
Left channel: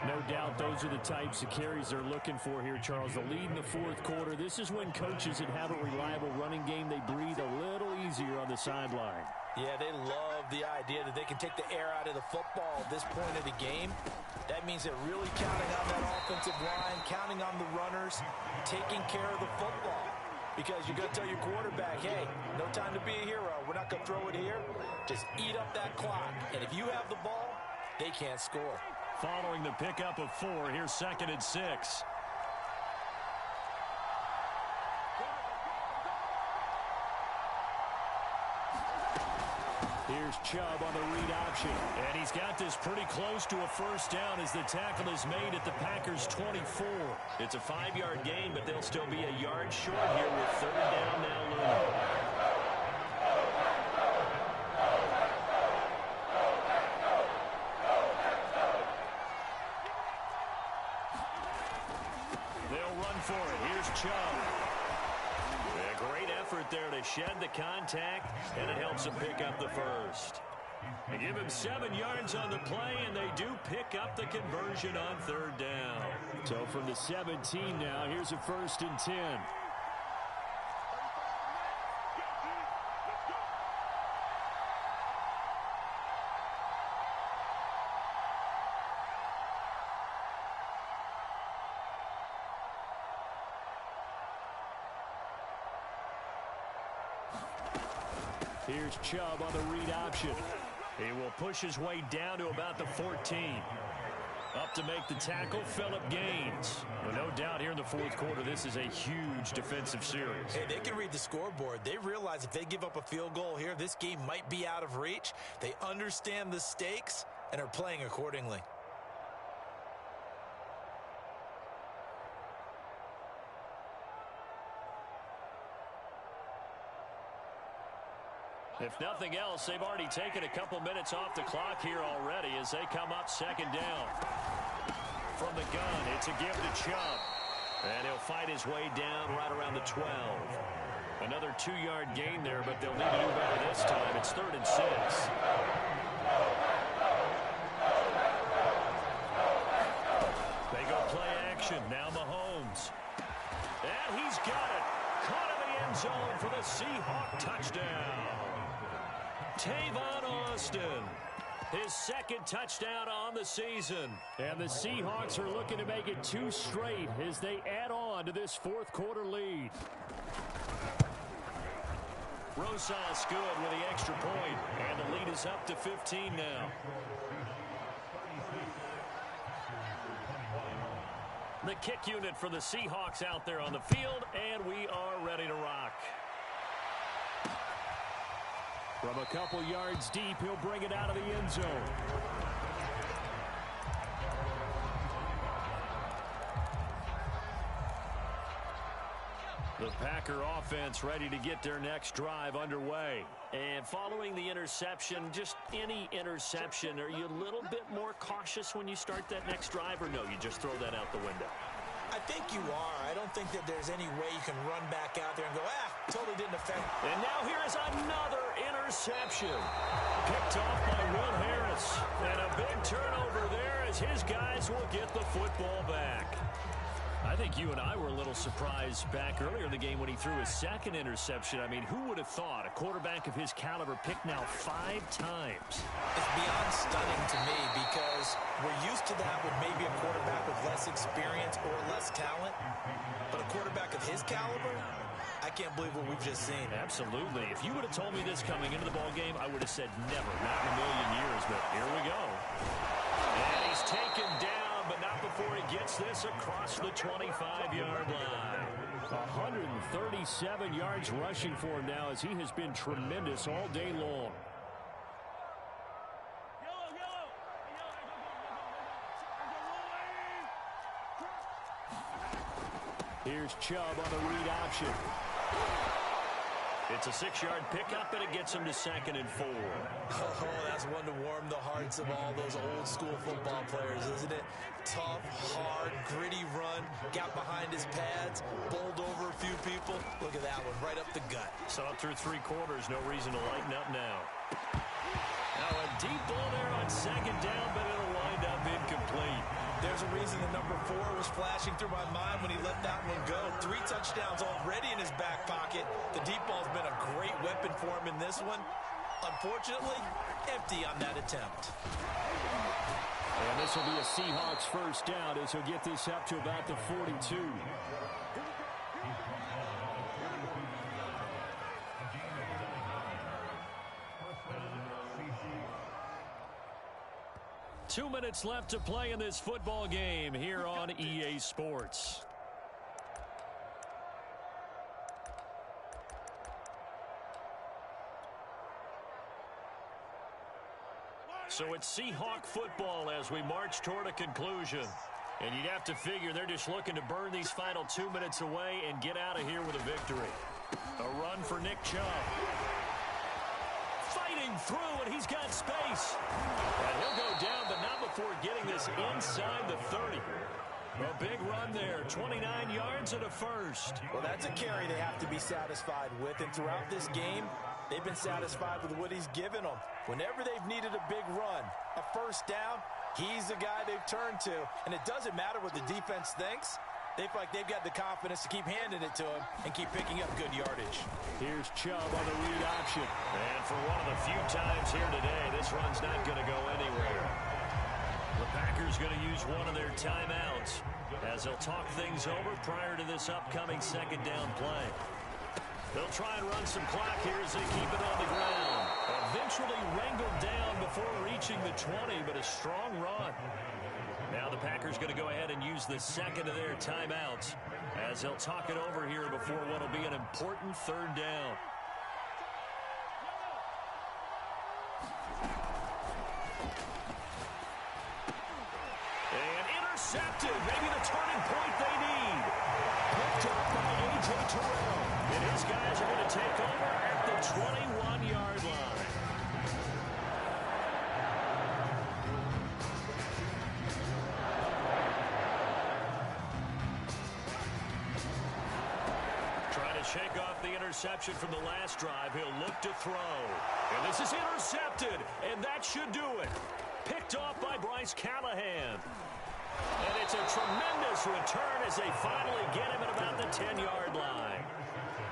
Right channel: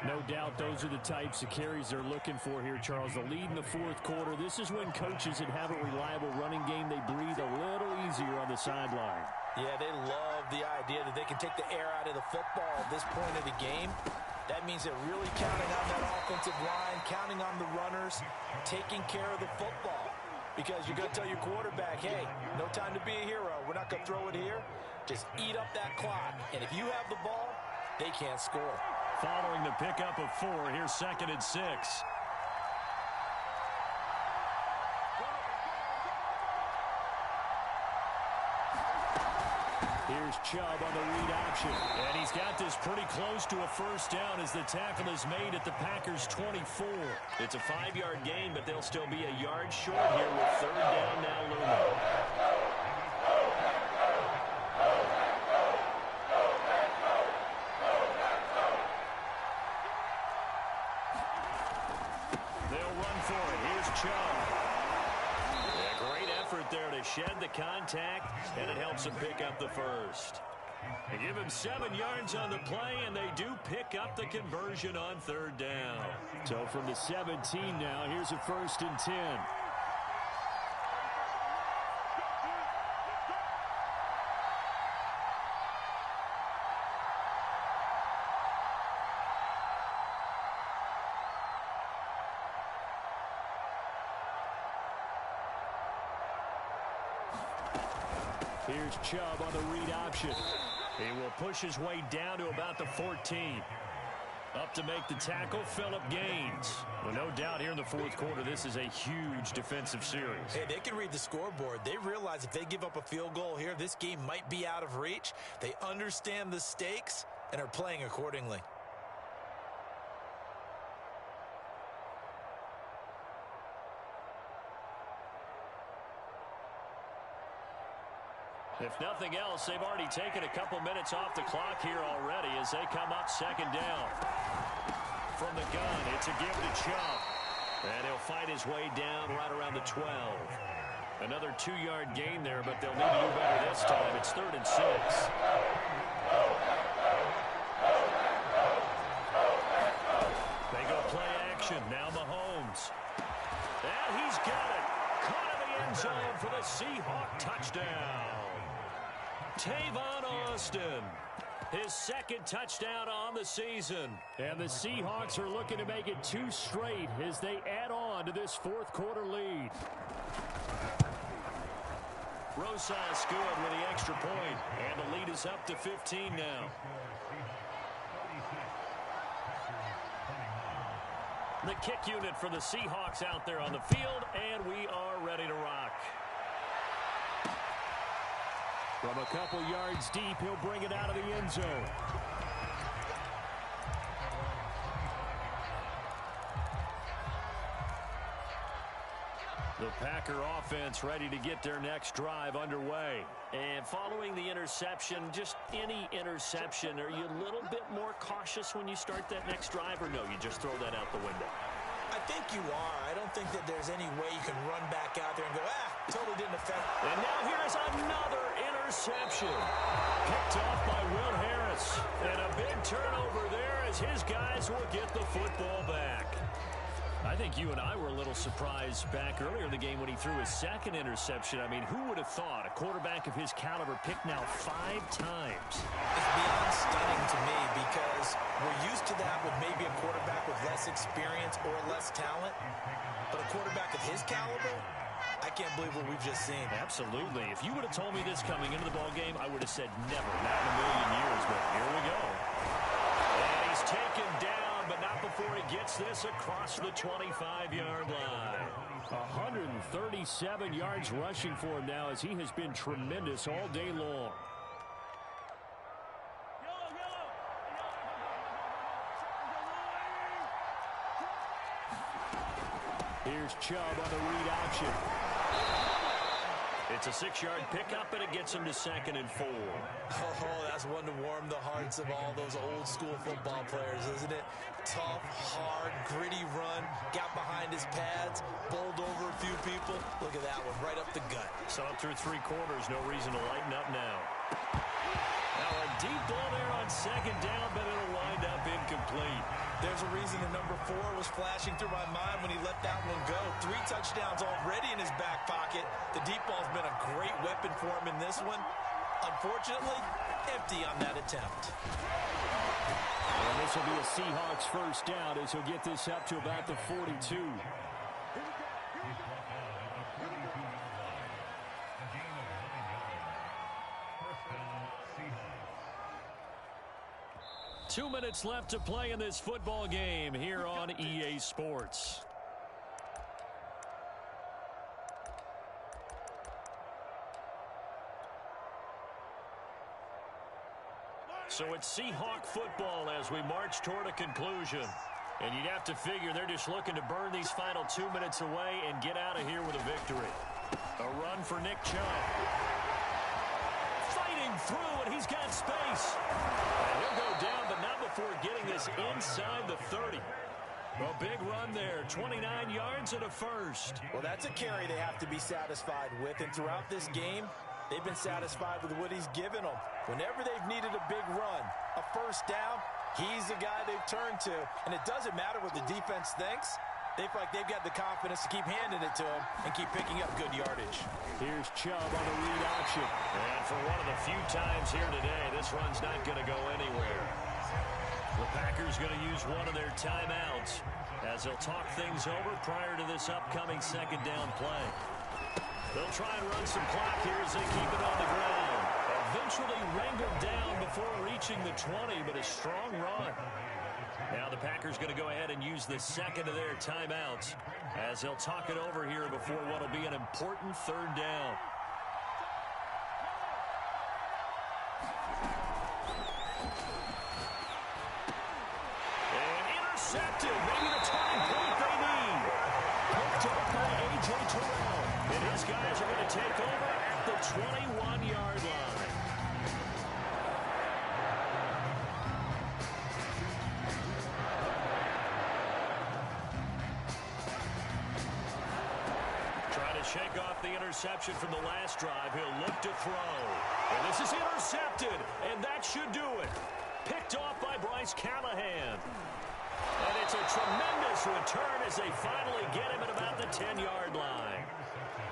No doubt those are the types of carries they're looking for here, Charles. The lead in the 4th quarter. This is when coaches that have a reliable running game, they breathe a little easier on the sideline. Yeah, they love the idea that they can take the air out of the football at this point of the game. That means they're really counting on that offensive line, counting on the runners, taking care of the football. Because you're going to tell your quarterback, hey, no time to be a hero. We're not going to throw it here. Just eat up that clock. And if you have the ball, they can't score. Following the pickup of 4, here's 2nd and 6. Here's Chubb on the read option. And he's got this pretty close to a 1st down as the tackle is made at the Packers' 24. It's a 5-yard gain, but they'll still be a yard short here with 3rd down now looming. They'll run for it. Here's Chubb. A great effort there to shed the contact, and it helps him pick up the 1st. They give him 7 yards on the play, and they do pick up the conversion on 3rd down. So from the 17 now, here's a 1st and 10. Here's Chubb on the read option. He will push his way down to about the 14. Up to make the tackle, Phillip Gaines. Well, no doubt here in the fourth quarter, this is a huge defensive series. Hey, they can read the scoreboard. They realize if they give up a field goal here, this game might be out of reach. They understand the stakes and are playing accordingly. If nothing else, they've already taken a couple minutes off the clock here already as they come up second down. From the gun, it's a give to Chubb. And he'll fight his way down right around the 12. Another 2-yard gain there, but they'll need to do better this time. It's 3rd and 6. They go play action. Now Mahomes. And he's got it. Caught in the end zone for the Seahawk touchdown. Tavon Austin, his 2nd touchdown on the season. And the Seahawks are looking to make it 2 straight as they add on to this fourth quarter lead. Rosas good with the extra point, and the lead is up to 15 now. The kick unit for the Seahawks out there on the field, and we are ready to rock. From a couple yards deep, he'll bring it out of the end zone. The Packer offense ready to get their next drive underway. And following the interception, just any interception, are you a little bit more cautious when you start that next drive, or no, you just throw that out the window? I think you are. I don't think that there's any way you can run back out there and go, totally didn't affect. And now here is another interception. Picked off by Will Harris. And a big turnover there as his guys will get the football back. I think you and I were a little surprised back earlier in the game when he threw his 2nd interception. I mean, who would have thought a quarterback of his caliber picked now 5 times? It's beyond stunning to me because we're used to that with maybe a quarterback with less experience or less talent. But a quarterback of his caliber, I can't believe what we've just seen. Absolutely. If you would have told me this coming into the ball game, I would have said never, not in a million years. But here we go. And he's taken down, but not before he gets this across the 25-yard line. 137 yards rushing for him now as he has been tremendous all day long. Here's Chubb on the read option. It's a 6-yard pickup, and it gets him to 2nd and 4. Oh, that's one to warm the hearts of all those old-school football players, isn't it? Tough, hard, gritty run, got behind his pads, bowled over a few people. Look at that one, right up the gut. Saw it through 3 quarters, no reason to lighten up now. Now a deep ball there on 2nd down, but it'll wind up incomplete. There's a reason the number 4 was flashing through my mind when he let that one go. 3 touchdowns already in his back pocket. The deep ball's been a great weapon for him in this one. Unfortunately, empty on that attempt. And this will be a Seahawks first down as he'll get this up to about the 42. 2 minutes left to play in this football game here on EA Sports. So it's Seahawk football as we march toward a conclusion. And you'd have to figure they're just looking to burn these final 2 minutes away and get out of here with a victory. A run for Nick Chubb. Fighting through, and he's got space. And he'll go down, but not before getting this inside the 30. A big run there, 29 yards and a first. Well, that's a carry they have to be satisfied with, and throughout this game, they've been satisfied with what he's given them. Whenever they've needed a big run, a first down, he's the guy they've turned to. And it doesn't matter what the defense thinks. They feel like they've got the confidence to keep handing it to him and keep picking up good yardage. Here's Chubb on the read option. And for one of the few times here today, this run's not going to go anywhere. The Packers going to use one of their timeouts as they'll talk things over prior to this upcoming second down play. They'll try and run some clock here as they keep it on the ground. Eventually wrangled down before reaching the 20, but a strong run. Now the Packers going to go ahead and use the second of their timeouts as they'll talk it over here before what will be an important third down. And intercepted. Maybe the turning point they need. Picked up by A.J. Terrell. And his guys are going to take over at the 21-yard line. Trying to shake off the interception from the last drive. He'll look to throw. And this is intercepted. And that should do it. Picked off by Bryce Callahan. And it's a tremendous return as they finally get him at about the 10-yard line.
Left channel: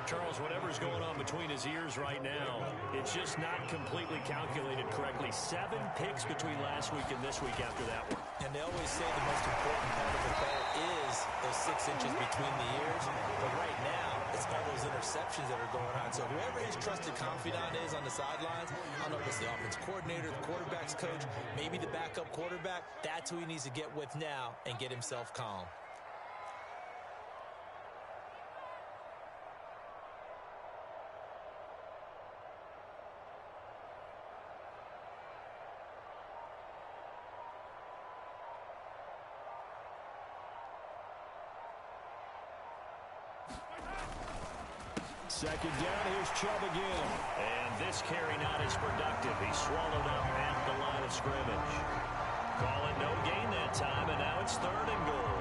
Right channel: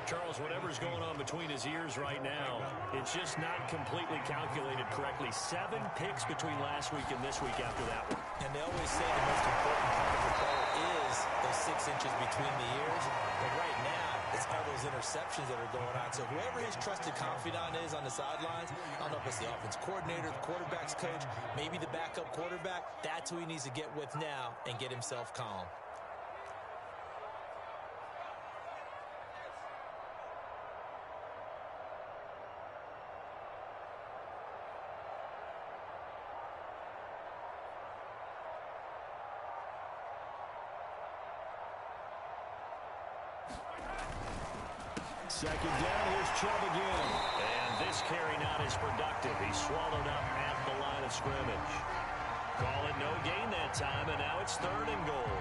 Charles, whatever's going on between his ears right now, it's just not completely calculated correctly. 7 picks between last week and this week after that one. And they always say the most important part of a player is those 6 inches between the ears. But right now, it's all those interceptions that are going on. So whoever his trusted confidant is on the sidelines, I don't know if it's the offense coordinator, the quarterback's coach, maybe the backup quarterback, that's who he needs to get with now and get himself calm. Second down, here's Chubb again. And this carry not as productive. He's swallowed up at the line of scrimmage. Call it no gain that time, and now it's 3rd and goal.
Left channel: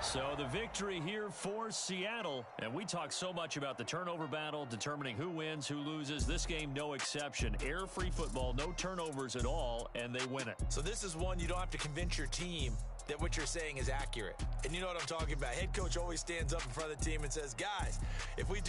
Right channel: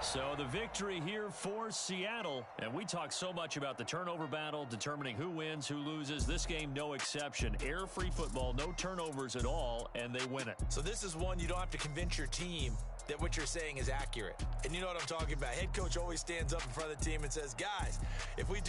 So the victory here for Seattle. And we talk so much about the turnover battle, determining who wins, who loses. This game, no exception. Air-free football, no turnovers at all, and they win it. So this is one you don't have to convince your team that what you're saying is accurate. And you know what I'm talking about. Head coach always stands up in front of the team and says, guys, if we do